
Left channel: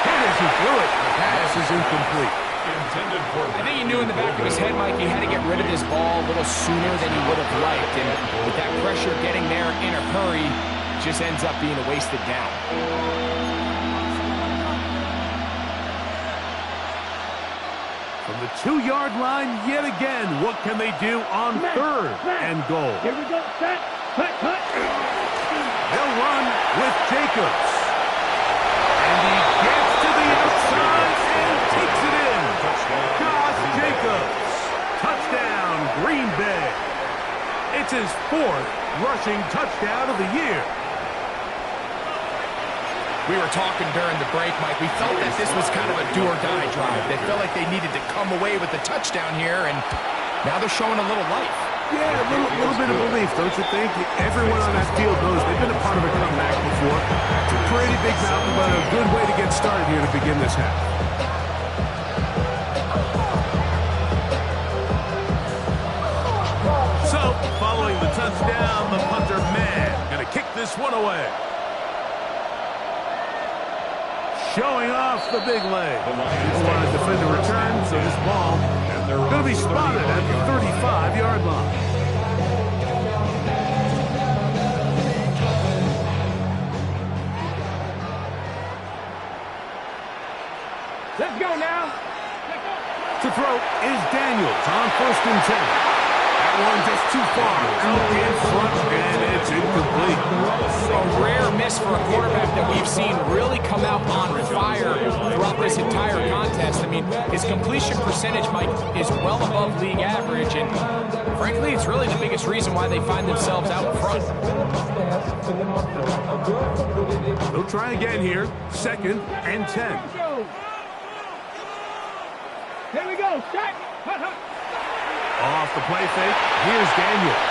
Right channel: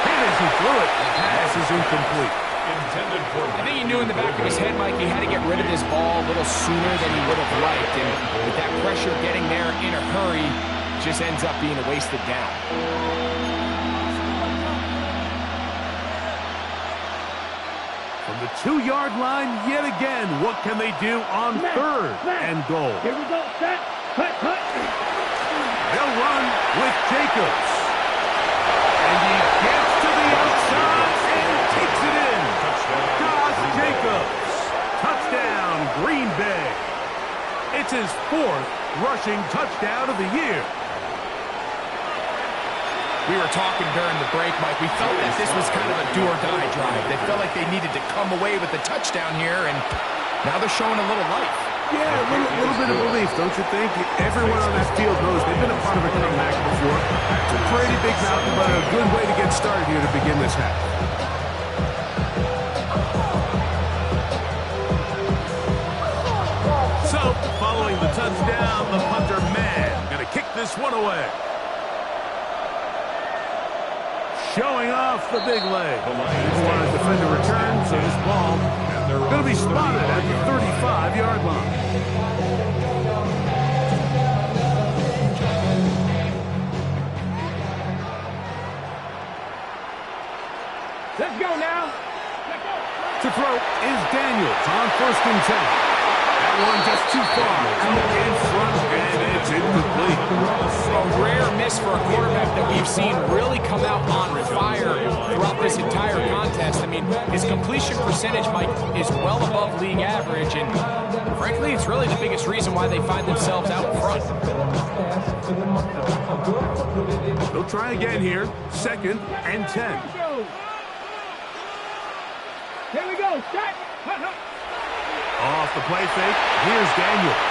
Hit as he threw it. The pass is incomplete. Intended for I think he knew in the back of his head, Mike, he had to get rid of this ball a little sooner than he would have liked. And with that pressure getting there in a hurry, just ends up being a wasted down. From the 2-yard line, yet again, what can they do on 3rd and goal? Here we go. Set. Hut, hut. They'll run with Jacobs. And he gets to the outside and takes it in. Josh Jacobs. Touchdown, Green Bay. It's his 4th rushing touchdown of the year. We were talking during the break, Mike. We felt that this was kind of a do-or-die drive. They felt like they needed to come away with the touchdown here, and now they're showing a little life. Yeah, a little bit of belief, don't you think? Everyone on that field knows they've been a part of a comeback before. It's a pretty big mountain, but a good way to get started here to begin this half. So, following the touchdown, the punter, man, going to kick this one away. showing off the big leg. Didn't want to defend a return, so this ball going to be spotted at the 35-yard line. Let's go now. Let's go. To throw is Daniels on 1st and 10. That one just too far out in front, and it's incomplete. A rare miss for a quarterback that we've seen really come out on fire throughout this entire contest. I mean, his completion percentage, Mike, is well above league average, and frankly, it's really the biggest reason why they find themselves out front. They'll try again here, 2nd and 10. Here we go. Shot. Off the play fake, here's Daniels.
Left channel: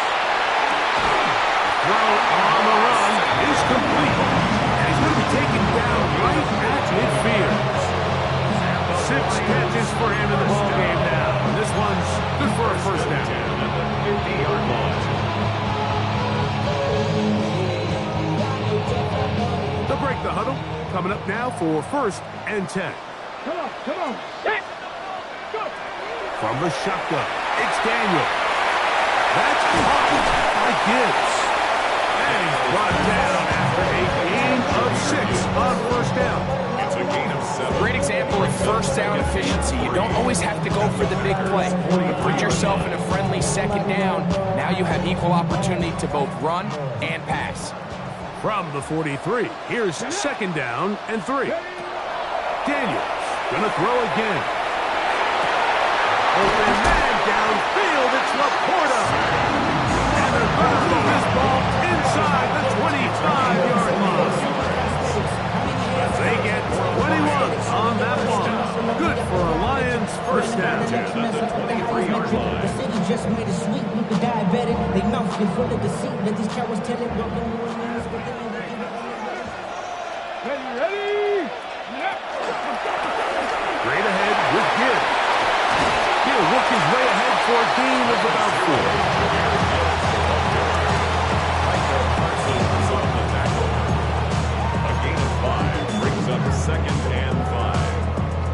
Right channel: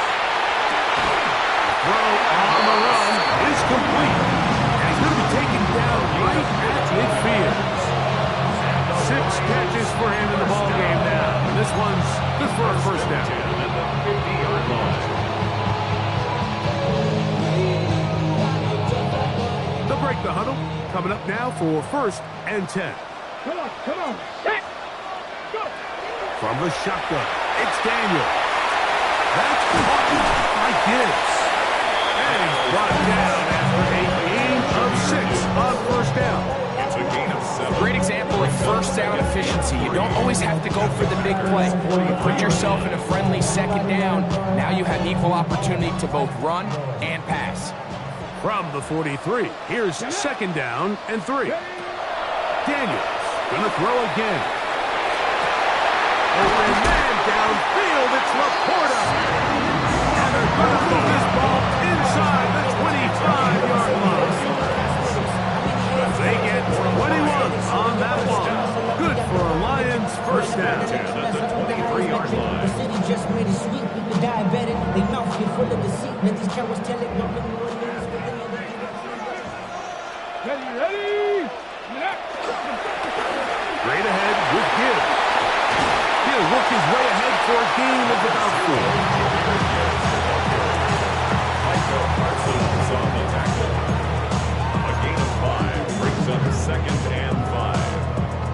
Throw on the run is complete. And he's going to be taken down right at midfield. 6 catches for him in the ball game now. And this one's good for a first down. At the 50-yard line. They'll break the huddle. Coming up now for 1st and 10. Come on. Set. Go. From the shotgun, it's Daniel. That's caught by Gibbs. And he's brought down after a gain of 6 on 1st down. It's a gain of 7. Great example of first down efficiency. You don't always have to go for the big play. Put yourself in a friendly 2nd down. Now you have equal opportunity to both run and pass. From the 43, here's 2nd down and 3. Daniels gonna throw again. Open man downfield, it's Laporta. And they're gonna move this ball inside the 25-yard line. They get 21 on that one. Good for a Lions first down. At the 23-yard line. The city just made it sweet. People diabetic. They mouth get full of deceit. Let these cowards tell it. Welcome to a news with the end of Ready. Straight ahead with Gibbs. He'll work his way ahead for a gain of about 4. Michael Parsons on the tackle. A gain of 5 brings up 2nd and 5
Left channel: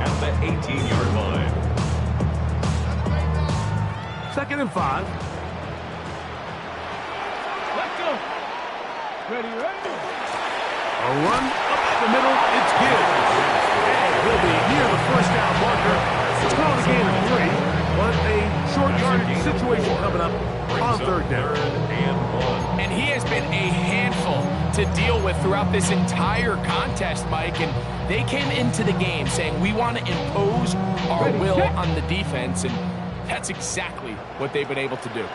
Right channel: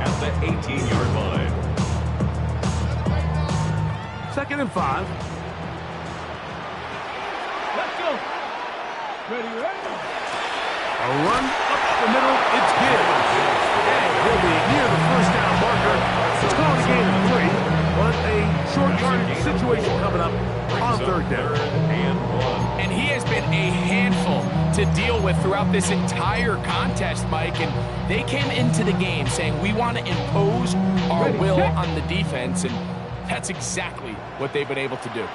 at the 18-yard line. 2nd and 5. Let's go. Ready. A run up the middle, it's Gibbs. And he'll be near the first down marker. It's called a gain of 3, but a short yardage situation coming up on 3rd down. And he has been a handful to deal with throughout this entire contest, Mike. And they came into the game saying, we want to impose our will on the defense. And that's exactly what they've been able to do.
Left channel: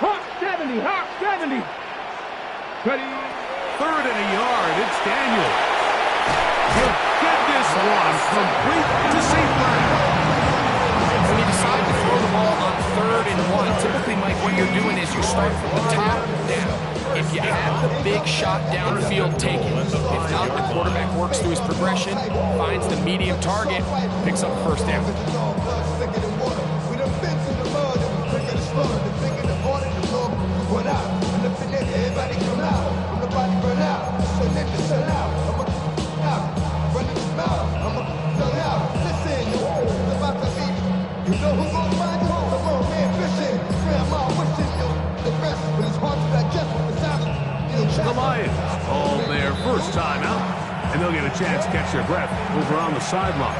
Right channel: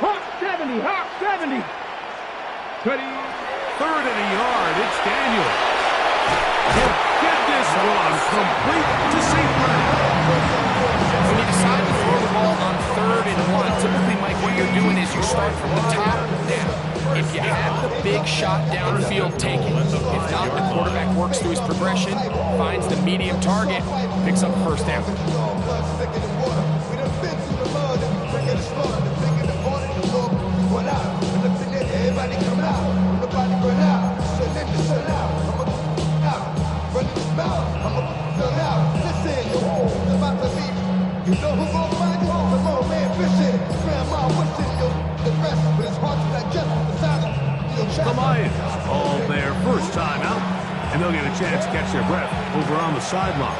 Hawk 70. Ready. 3rd and a yard, it's Daniel. He'll get this one complete to St. Brown. When you decide to throw the ball on 3rd and 1, typically, Mike, what you're doing is you start from the top down. If you have the big shot downfield, take it. If not, the quarterback works through his progression, finds the medium target, picks up first down. Everybody come out, when the body burn out, so let the sun out, I'ma out, running his mouth, I'ma sun out, listen, yo, it's about to be, you know who gon' find you, the old man fishing, grandma wishing, yo, the rest, but it's hard to digest the sound of, you know, The Lions call their first time out, and they'll get a chance to catch their breath over on the sideline.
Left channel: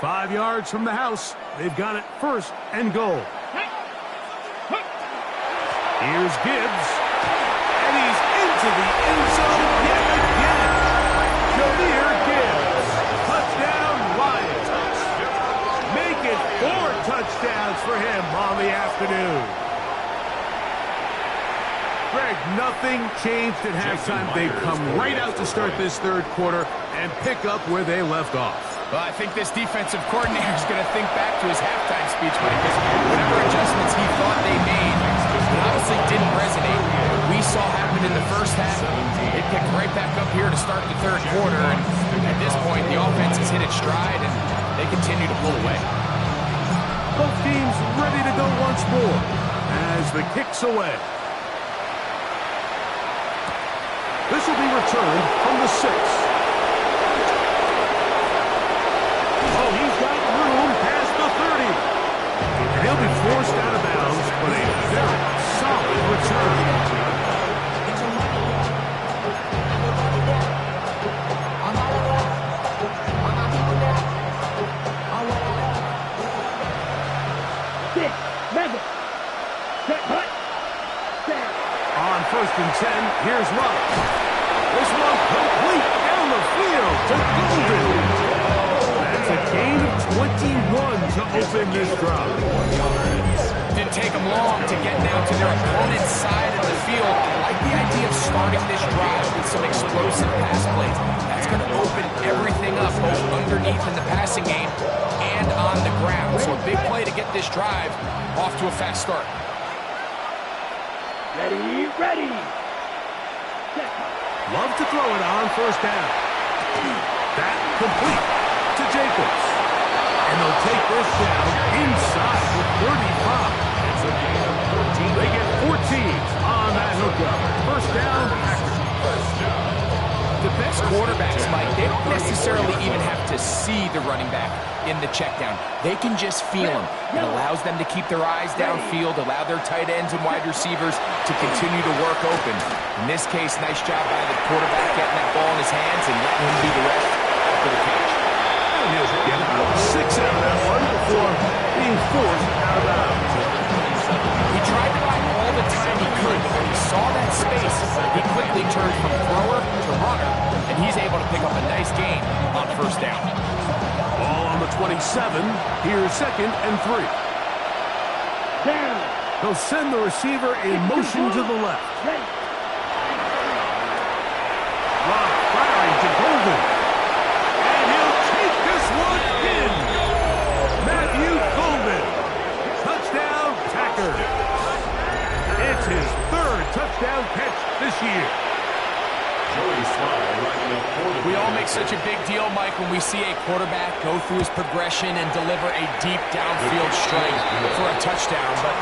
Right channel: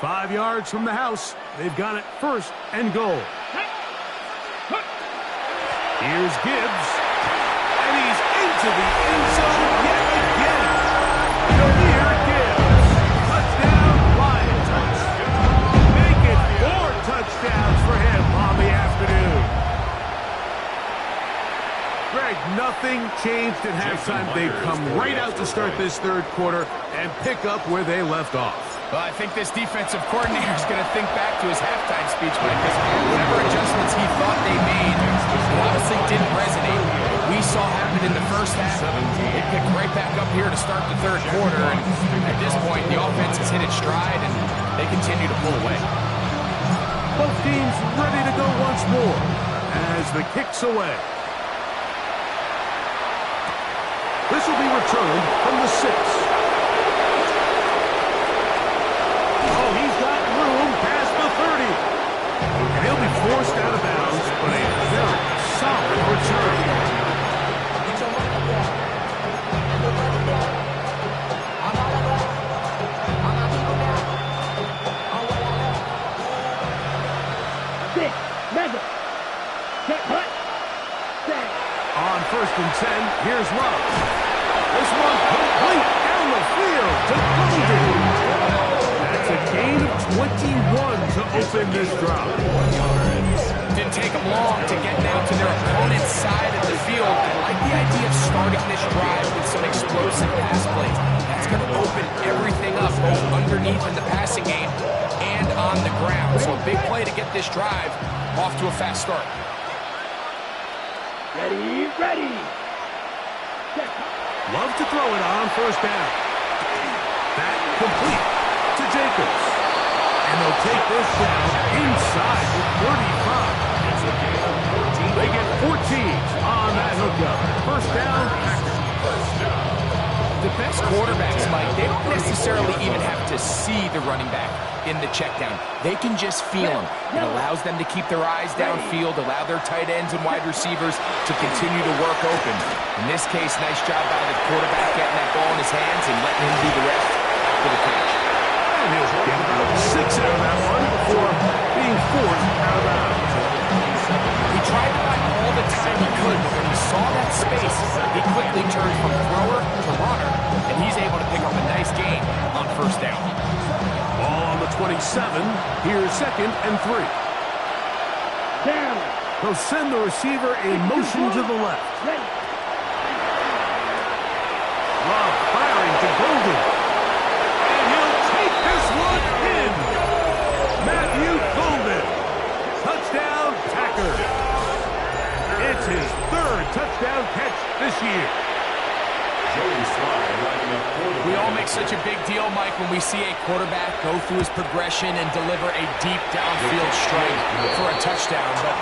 Five yards from the house. They've got it 1st and goal. Here's Gibbs. And he's into the end zone yet again. Jahmyr Gibbs. Touchdown, Lions. Make it 4 touchdowns for him on the afternoon. Greg, nothing changed at halftime. They've come right out to start this 3rd quarter and pick up where they left off. Well, I think this defensive coordinator is going to think back to his halftime speech, Mike, because whatever adjustments he thought they made, it obviously didn't resonate. What we saw happen in the first half, they picked right back up here to start the 3rd quarter, and at this point, the offense has hit its stride, and they continue to pull away. Both teams ready to go once more as the kick's away. This will be returned from the 6. Oh, he's got room past the 30. And he'll be forced out of bounds, but a very solid return. Get your money up. Your money down. I'm all about. I'm my people now. I'm what I love. Six, mega. Set, hut. Set. On 1st and 10, here's Love. This one complete down the field to Golden. That's a gain of 21 to open this drive. Didn't take them long to get down to their opponent's side of the field. I like the idea of starting this drive with some explosive pass plays. That's going to open everything up, both underneath in the passing game and on the ground. So a big play to get this drive off to a fast start. Ready, ready. Set. Love to throw it on 1st down. That complete to Jacobs. And they'll take this down inside the 35. It's a gain of 14. They get 14 on that hookup. 1st down, Packers. 1st down. The best quarterbacks, Mike, they don't necessarily even have to see the running back in the check down. They can just feel him. It allows them to keep their eyes downfield, allow their tight ends and wide receivers to continue to work open. In this case, nice job by the quarterback getting that ball in his hands and letting him do the rest after the catch. And he'll get about 6 out of that one before being forced out of bounds. He tried to buy all the time he could, but when he saw that space, he quickly turned from thrower to runner, and he's able to pick up a nice gain on 1st down. Ball on the 27. Here's 2nd and 3. Down. He'll send the receiver in motion to the left. Ready. Love firing to Golden. And he'll take this one in. Matthew Golden. Touchdown, Packers. It's his 3rd touchdown catch this year. Joey Slye lining up for the We all make such a big deal, Mike, when we see a quarterback go through his progression and deliver a deep downfield strike for a touchdown. But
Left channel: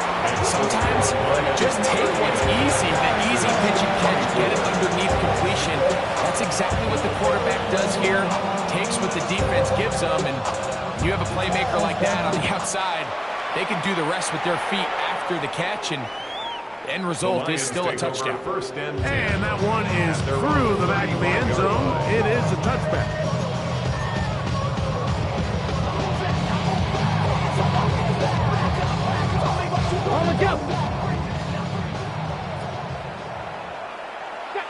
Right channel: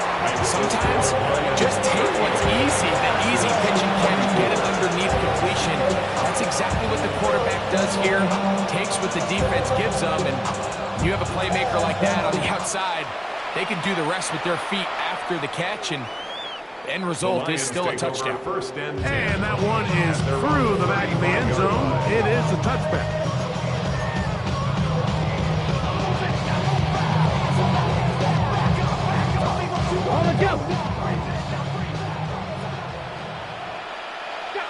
sometimes just take what's easy, the easy pitch and catch, get it underneath completion. That's exactly what the quarterback does here. Takes what the defense gives them, and you have a playmaker like that on the outside. They can do the rest with their feet after the catch, and the end result is still a touchdown. And that one is through the back of the end zone. It is a touchback. On the go.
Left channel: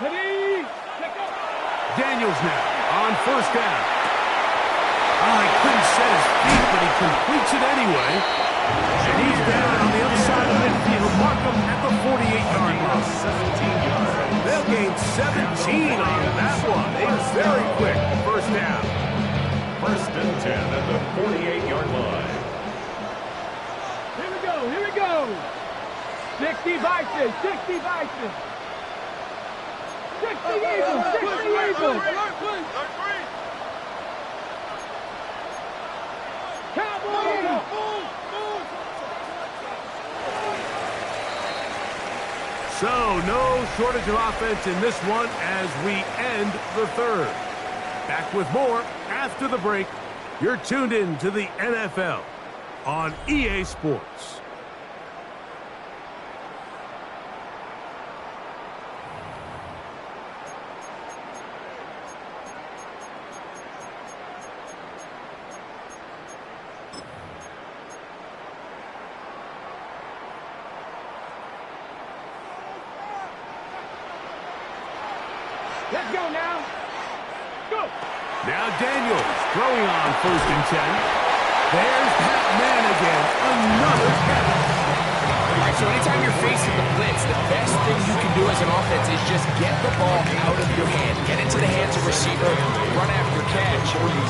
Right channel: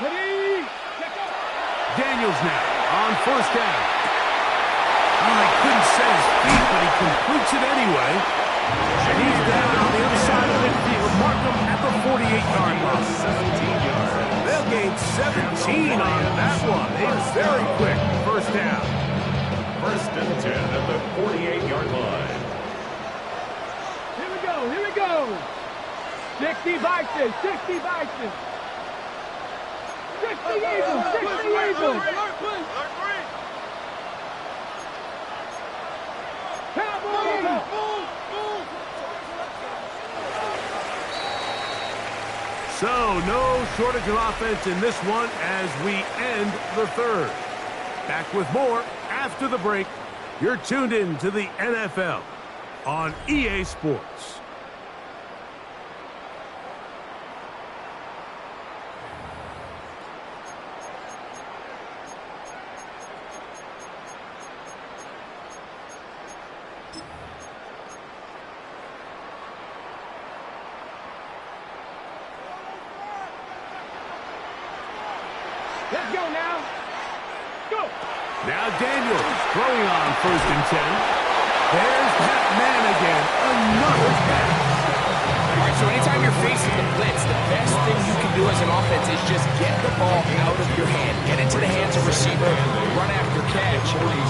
Ready. Let go. Daniels now on 1st down. Oh, he couldn't set his feet, but he completes it anyway. And he's down on the other side of midfield. Mark him at the 48-yard line. 17 yards. They'll gain 17 on that one. A very quick 1st down. 1st and 10 at the 48-yard line. Here we go. Here we go. 60 Bison. 60 Bison. 60 Eagles. 60 Eagles. Cowboys. So, no shortage of offense in this one as we end the 3rd. Back with more after the break. You're tuned in to the NFL on EA Sports. Let's go now. Go. Now Daniels throwing on 1st and 10. There's that man again. Another catch. All right, so anytime you're facing the blitz, the best thing you can do as an offense is just get the ball out of your hand. Get into the hands of receiver, run after catch.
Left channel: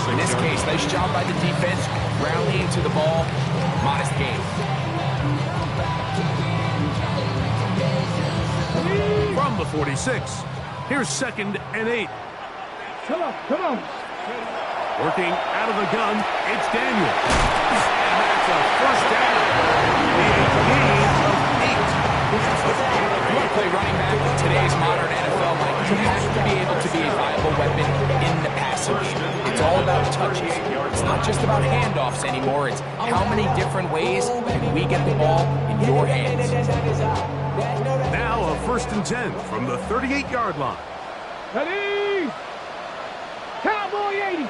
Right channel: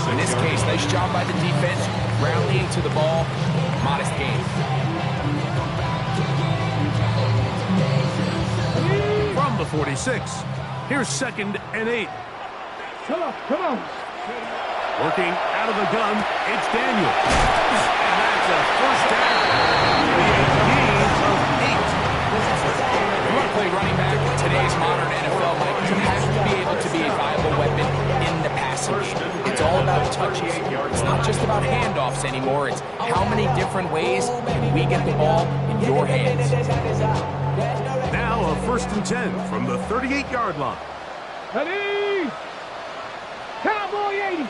In this case, nice job by the defense, rallying to the ball. Modest gain. From the 46, here's 2nd and 8. Come on, come on. Working out of the gun, it's Daniel. And that's a first down. A gain of 8. If you want to play running back in today's modern NFL, Mike, you have to be able to be a viable weapon in the passing game. It's all about touches. It's not just about handoffs anymore. It's how many different ways can we get the ball in your hands. Now a 1st and 10 from the 38-yard line. Ready? Cowboy 80.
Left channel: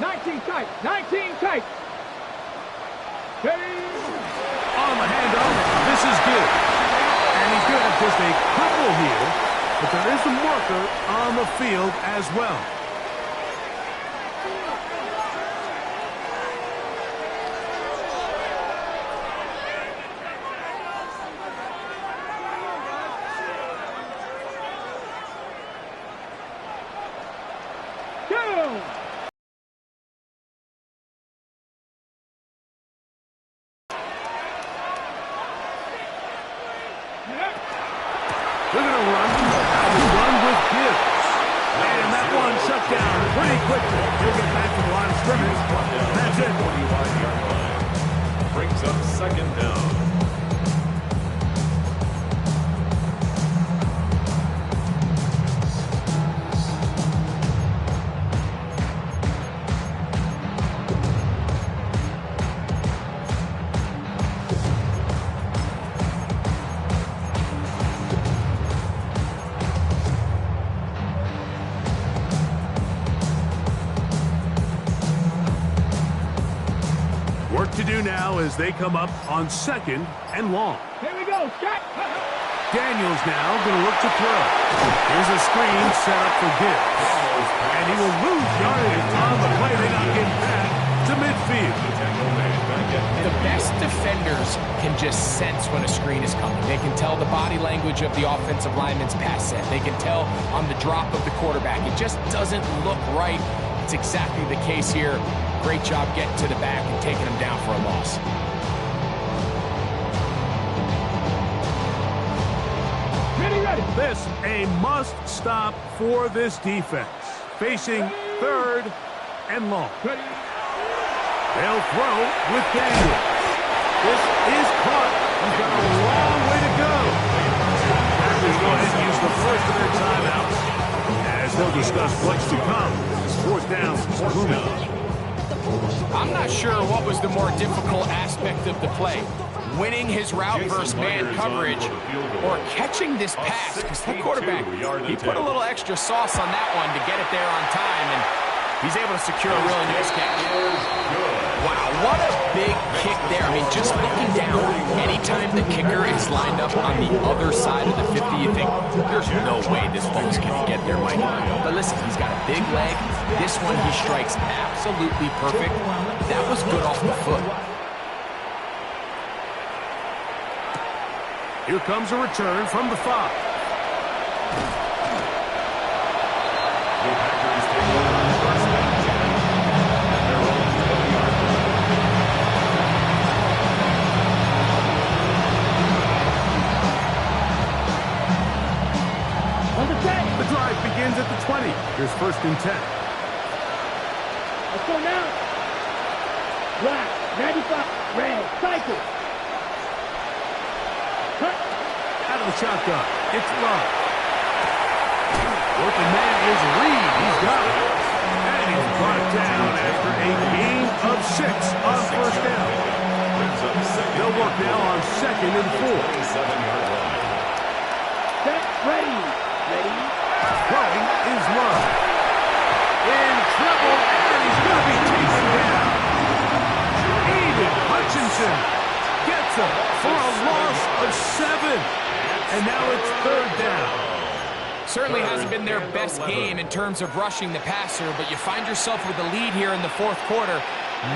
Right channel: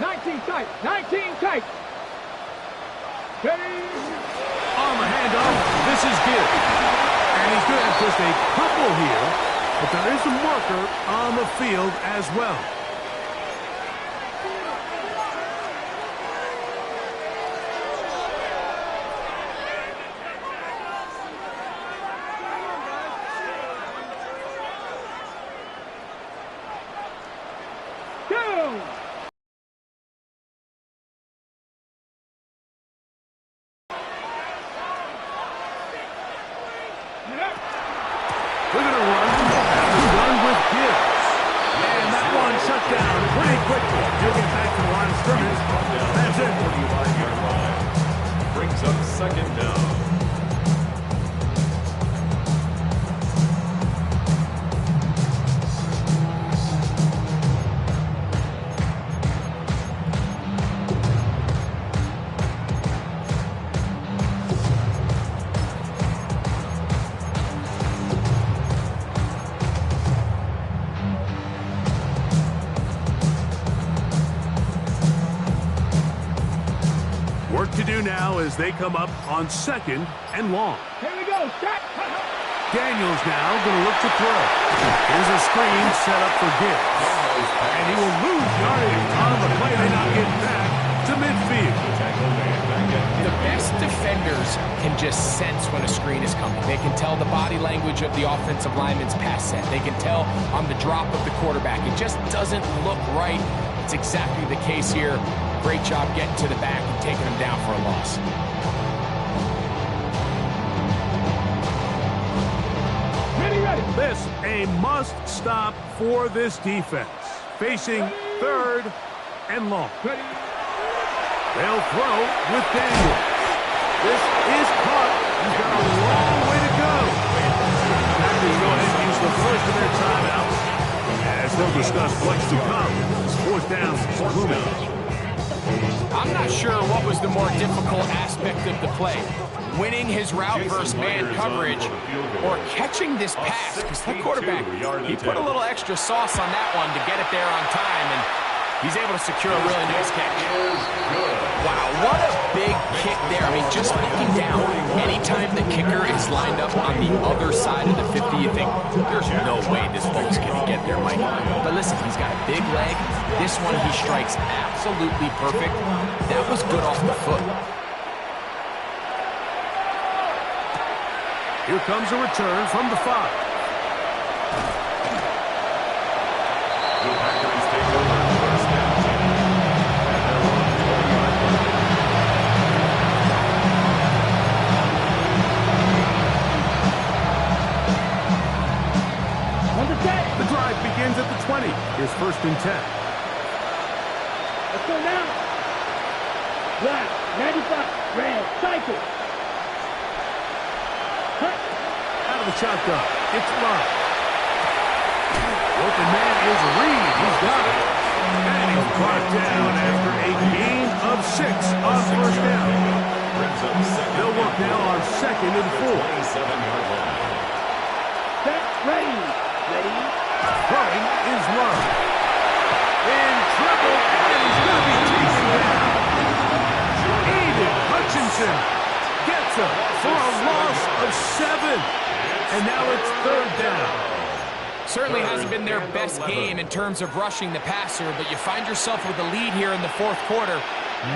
19 tight. 19 tight. Ready? On the handoff, this is Gibbs. And he's going to have just a couple here, but there is a marker on the field as well. They're going to run with Gibbs. And that one shut down pretty quickly. He'll get back to the line of scrimmage. That's it. 45-yard line. Brings up 2nd down. Work to do now as they come up on 2nd and long. Here we go. Shot. Daniels now going to look to throw. Here's a screen set up for Gibbs. And he will lose yardage on the play. They not get back to midfield. The best defenders can just sense when a screen is coming. They can tell the body language of the offensive lineman's pass set. They can tell on the drop of the quarterback. It just doesn't look right. It's exactly the case here. Great job getting to the back and taking him down for a loss. Ready. This a must-stop for this defense. Facing 3rd and long. Ready. They'll throw with Daniels. This is caught. He's got a long way to go. Packers go ahead and use the first of their timeouts as they'll discuss what's to come. 4th down, looming. I'm not sure what was the more difficult aspect of the play. Winning his route versus man coverage or catching this pass, because that quarterback, he put a little extra sauce on that one to get it there on time, and he's able to secure a really nice catch. Wow, what a big kick there. I mean, just looking down, anytime the kicker is lined up on the other side of the 50, you think, there's no way this ball's going to get there, Mike. But listen, he's got a big leg. This one, he strikes absolutely perfect. That was good off the foot. Here comes a return from the 5. The Packers take over 1st and 10 at their own 20-yard line. On the set. The drive begins at the 20. Here's 1st and 10. Let's go now. Black, 95, red, cycle. Cut. Out of the shotgun, it's Love. The open man is Reed. He's got it. And he's brought down after a gain of 6 on 1st down. They'll work now on 2nd and 4. 27-yard line. Set, ready. Throwing is Love. In trouble, and he's going to be taken down. Aiden Hutchinson gets him for a loss of 7. And now it's 3rd down. Certainly hasn't been their best game in terms of rushing the passer, but you find yourself with the lead here in the 4th quarter.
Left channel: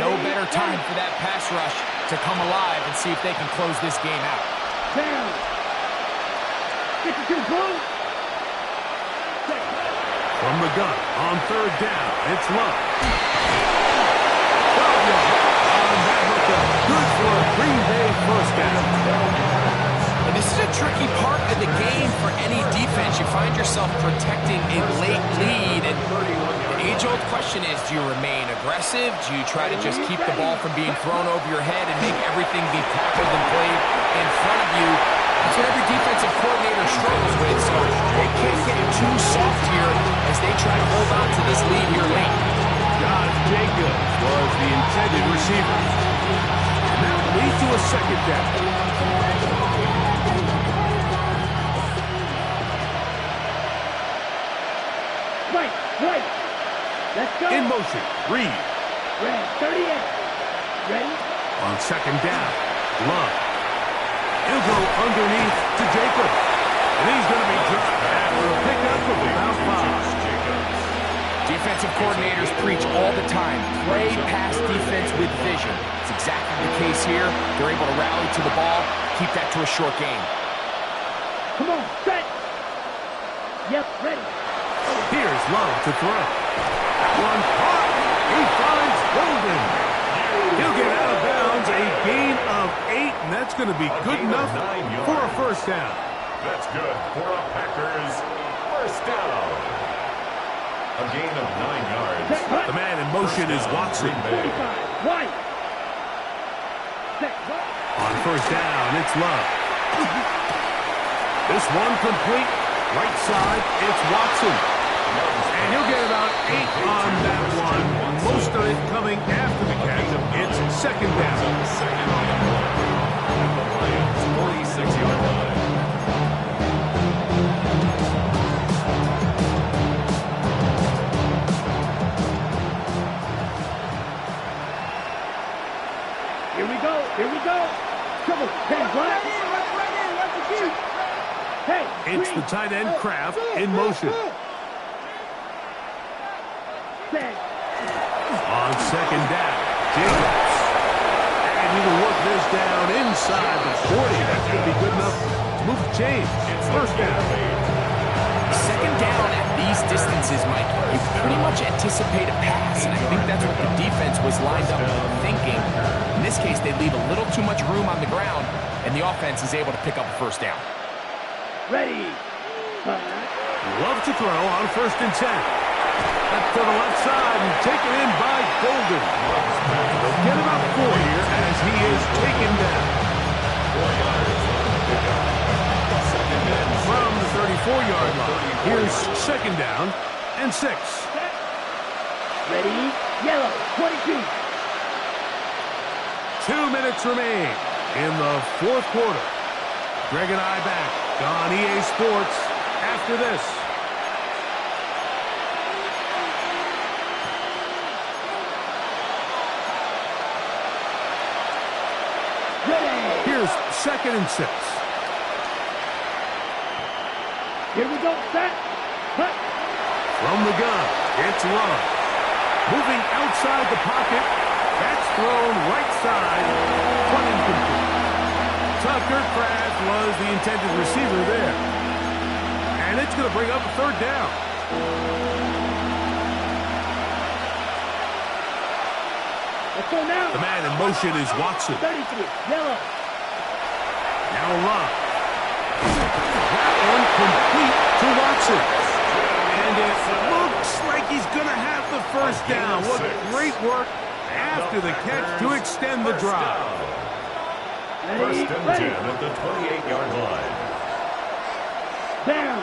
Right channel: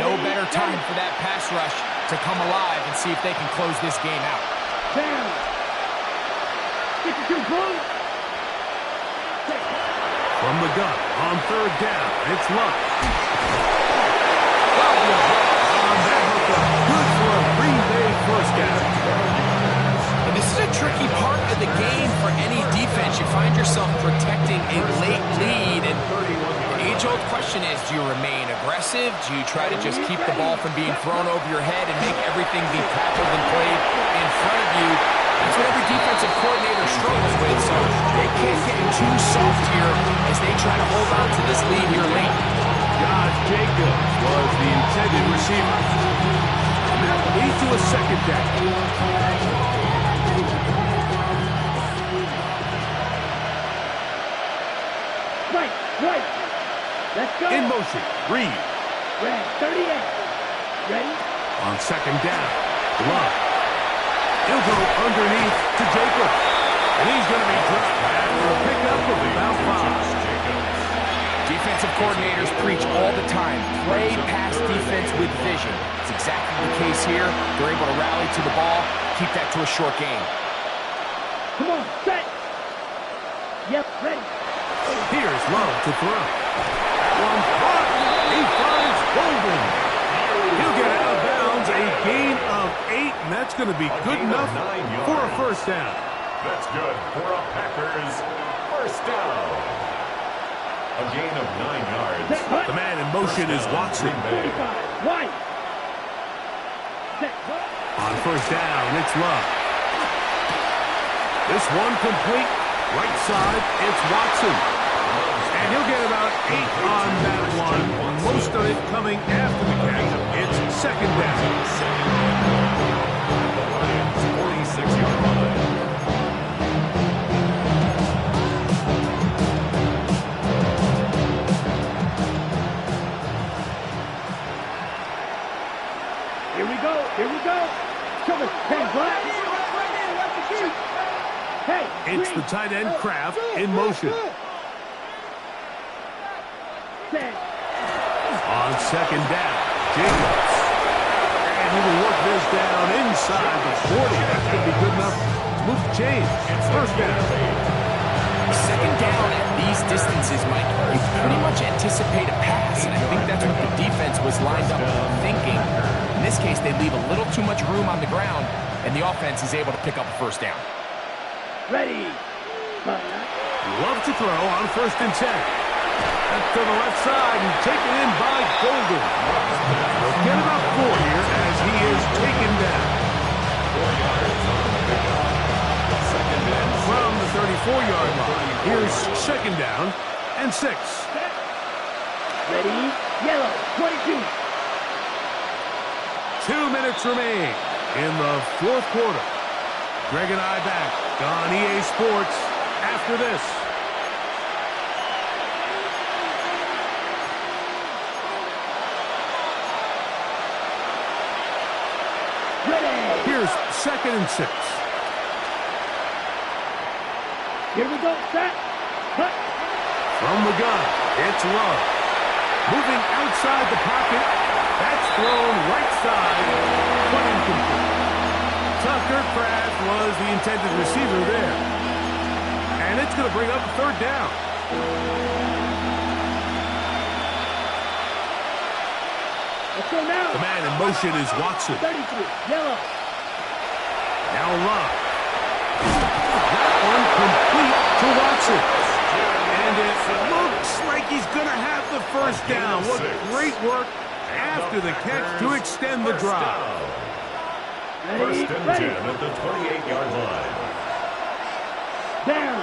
No better time for that pass rush to come alive and see if they can close this game out. Down. 52 close. From the gun on 3rd down, it's Love. 12 yards on that hookup. Good for a Green Bay 1st down. And This is a tricky part of the game for any defense. You find yourself protecting a late lead, and the age-old question is, do you remain aggressive? Do you try to just keep the ball from being thrown over your head and make everything be tackled and played in front of you? That's what every defensive coordinator struggles with, so they can't get too soft here as they try to hold on to this lead here late. Josh Jacobs was the intended receiver. And that will lead to a second down. Right. Let's go. In motion, Reed. Red, 38. Ready? On second down, Love. He'll go underneath to Jacobs. And he's going to be dropped after a pickup of about 5. Defensive coordinators preach all the time, play pass defense with vision. It's exactly the case here. They're able to rally to the ball, keep that to a short game. Come on, set. Yep, ready. Here's Love to throw. That one caught. He finds Golden. He'll get out of bounds, a gain of 8, and that's going to be good enough for a first down. That's good for a Packers first down. A gain of 9 yards. The man in motion is Watson. 45. White. Set. On first down, it's Love. This one complete. Right side, it's Watson. And he'll get about 8 on that one. Most of it coming after the catch. It's second down. Second and 1 at the Lions' 46-yard line. Here we go. Trouble. Hey, Black. Hey, it's the tight end, Kraft, in motion. On second down, Jacobs. And he will work this down inside the 40. That's going to be good enough to move the chains. It's first down. Second down at these distances, Mike, you pretty much anticipate a pass, and I think that's what the defense was lined up thinking. In this case, they leave a little too much room on the ground, and the offense is able to pick up a first down. Ready. Love to throw on first and 10. That's to the left side and taken in by Golden. He'll get about 4 here as he is taken down. 4 yards on the pickup. Second and 6. From the 34-yard line, here's second down and 6. Ready. Yellow. 22. 2 minutes remain in the fourth quarter. Greg and I back on EA Sports after this. Ready. Here's second and 6. Here we go. Set. Cut. From the gun, it's Love. Moving outside the pocket. That's thrown right side, but incomplete. Tucker Kraft was the intended receiver there. And it's going to bring up a third down. Let's go now. The man in motion is Watson. 33. Yellow. Now Love. That one complete to Watson. And it looks like he's going to have the first down. What great work after the catch to extend the drive. First and 10 at the 28-yard line. Down.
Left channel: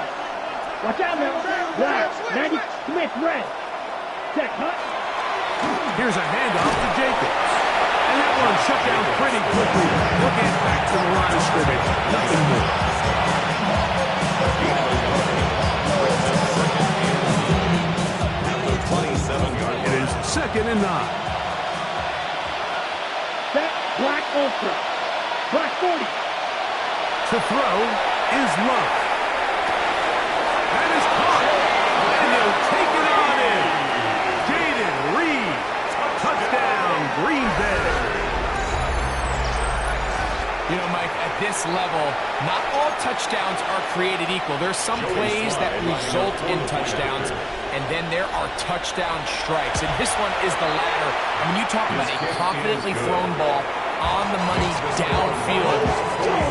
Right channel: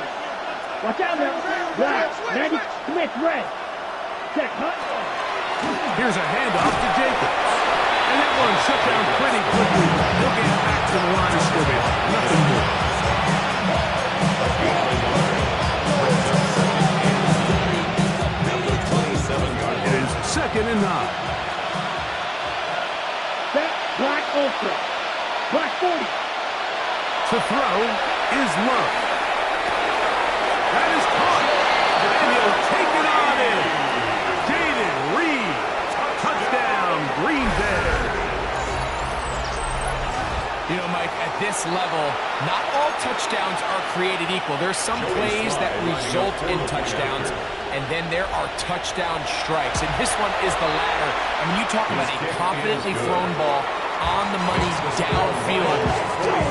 Watch out now. Black. 90. Smith. Red. Check. Hut. Here's a handoff to Jacobs. And that one shut down pretty quickly. He'll get back to the line of scrimmage. Nothing more. At the 27-yard line. It is second and 9. Set. Black ultra. Black 40. To throw is Love. That is caught. And he'll take it on in. Jaden Reed. Touchdown, Green Bay. You know, Mike, at this level, not all touchdowns are created equal. There's some plays that result in touchdowns, and then there are touchdown strikes. And this one is the latter. I mean, you talk about a confidently thrown ball on the money downfield.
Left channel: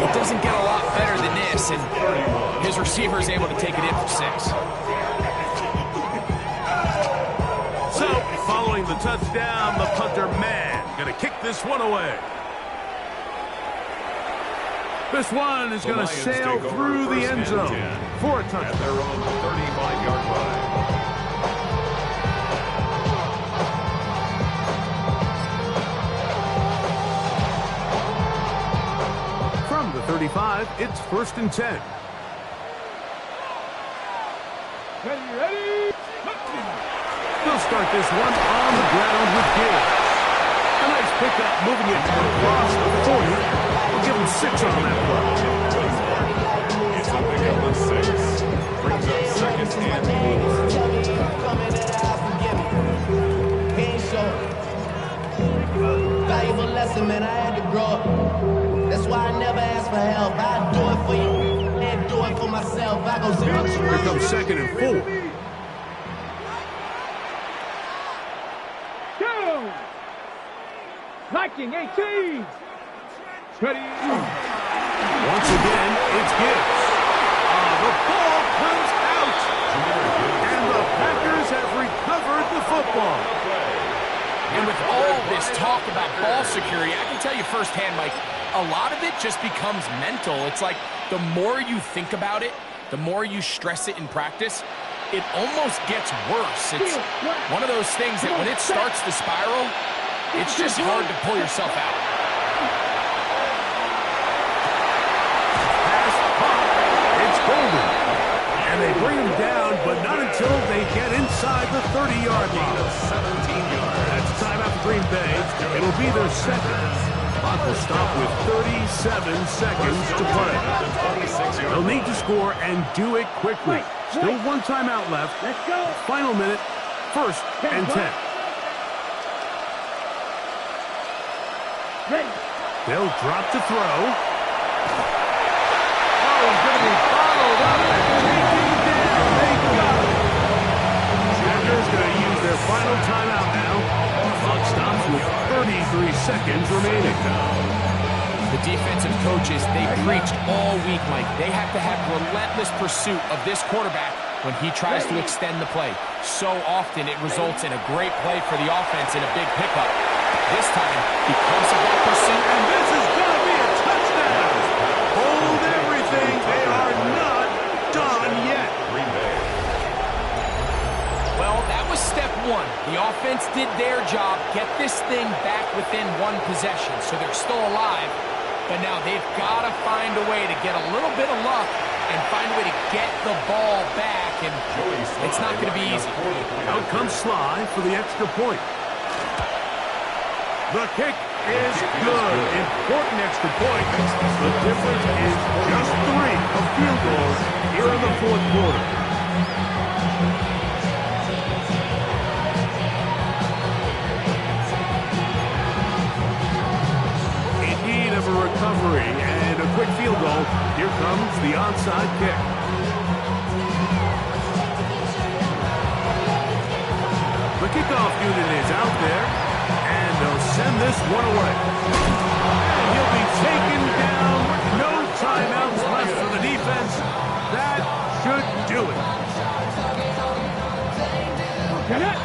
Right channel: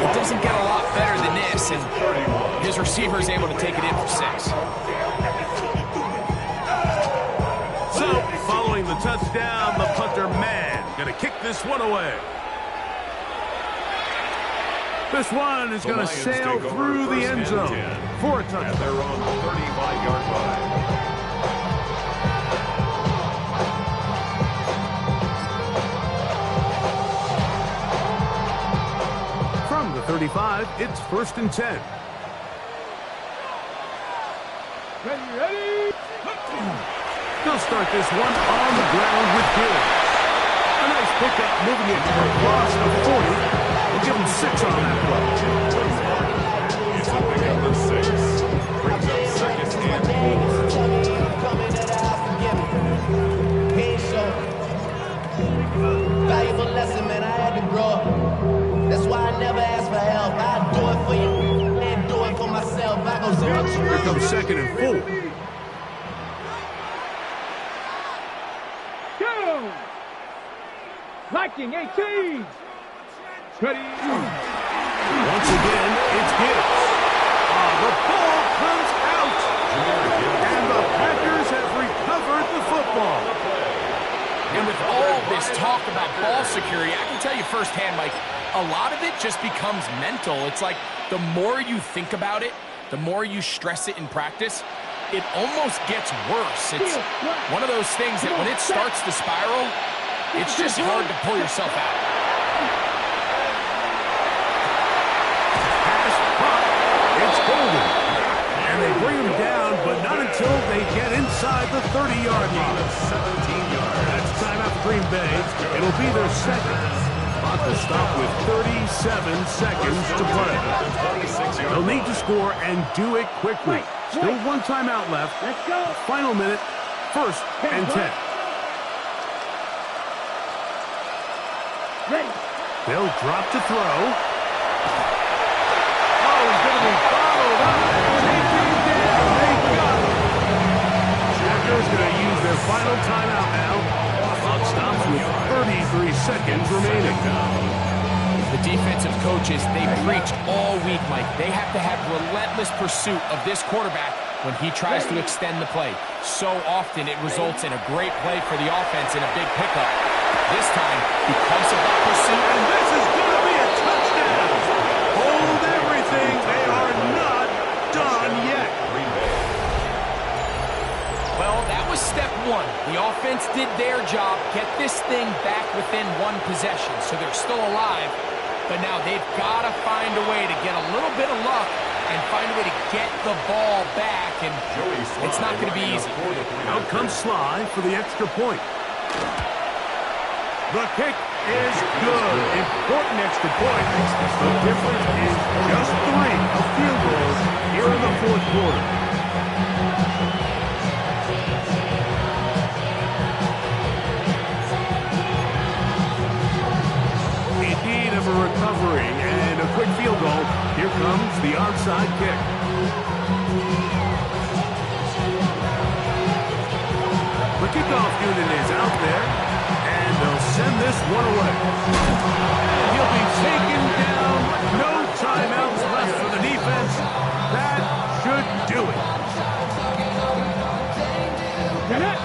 It doesn't get a lot better than this, and his receiver is able to take it in for 6. So, following the touchdown, the punter man going to kick this one away. This one is going to sail through the end zone for a touchdown. At their own 35-yard line. From the 35, it's 1st and 10. Ready. They'll start this one on the ground with Gibbs. A nice pickup, moving it across the 40. We'll give him 6 on that play. It's a pickup of 6. Brings up 2nd and 4. Valuable lesson, man. I had to grow up. That's why I never ask for help. I do it for you and do it for myself. I go 0 to Here comes 2nd and 4. Go! Viking 18. Ready. Once again, it's Gibbs. The ball comes out. And the Packers have recovered the football. And with all this talk about ball security, I can tell you firsthand, Mike, a lot of it just becomes mental. It's like the more you think about it, the more you stress it in practice, it almost gets worse. It's one of those things that when it starts to spiral, it's just hard to pull yourself out. Pass caught. It's Golden. And they bring him down, but not until they get inside the 30-yard line. 17 yards. That's timeout for Green Bay. It'll be their 2nd. Clock will stop with 37 seconds to play. They'll need to score and do it quickly. Still 1 timeout left. Let's go. Final minute, 1st and 10. Ready. They'll drop to throw. Oh, he's going to be bottled up and taken down. They got him. Packers going to use their final timeout now. Clock stops with 33 seconds remaining. The defensive coaches, they preached all week, Mike. They have to have relentless pursuit of this quarterback when he tries to extend the play. So often it results in a great play for the offense and a big pickup. This time, because of that pursuit, And this is going to be a touchdown. Hold everything. They are not done yet. Green Bay. well, that was step 1. The offense did their job, get this thing back within 1 possession, so they're still alive. But now they've got to find a way to get a little bit of luck and find a way to get the ball back, and it's not going to be easy. Out comes Sly for the extra point. The kick is good. Important extra point. The difference is just 3 of field goals here in the 4th quarter. In need of a recovery and a quick field goal. Here comes the onside kick. The kickoff unit is out there, and they'll send this one away. And he'll be taken down. No timeouts left for the defense. That should do it. Get it.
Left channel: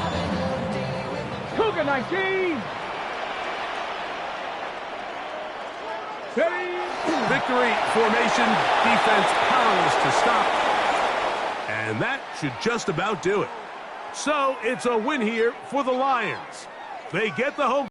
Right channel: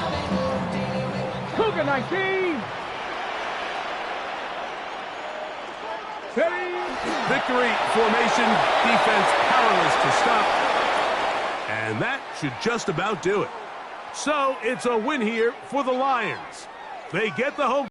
Cougar 19. Ready. Victory formation, defense powerless to stop. And that should just about do it. So it's a win here for the Lions. They get the home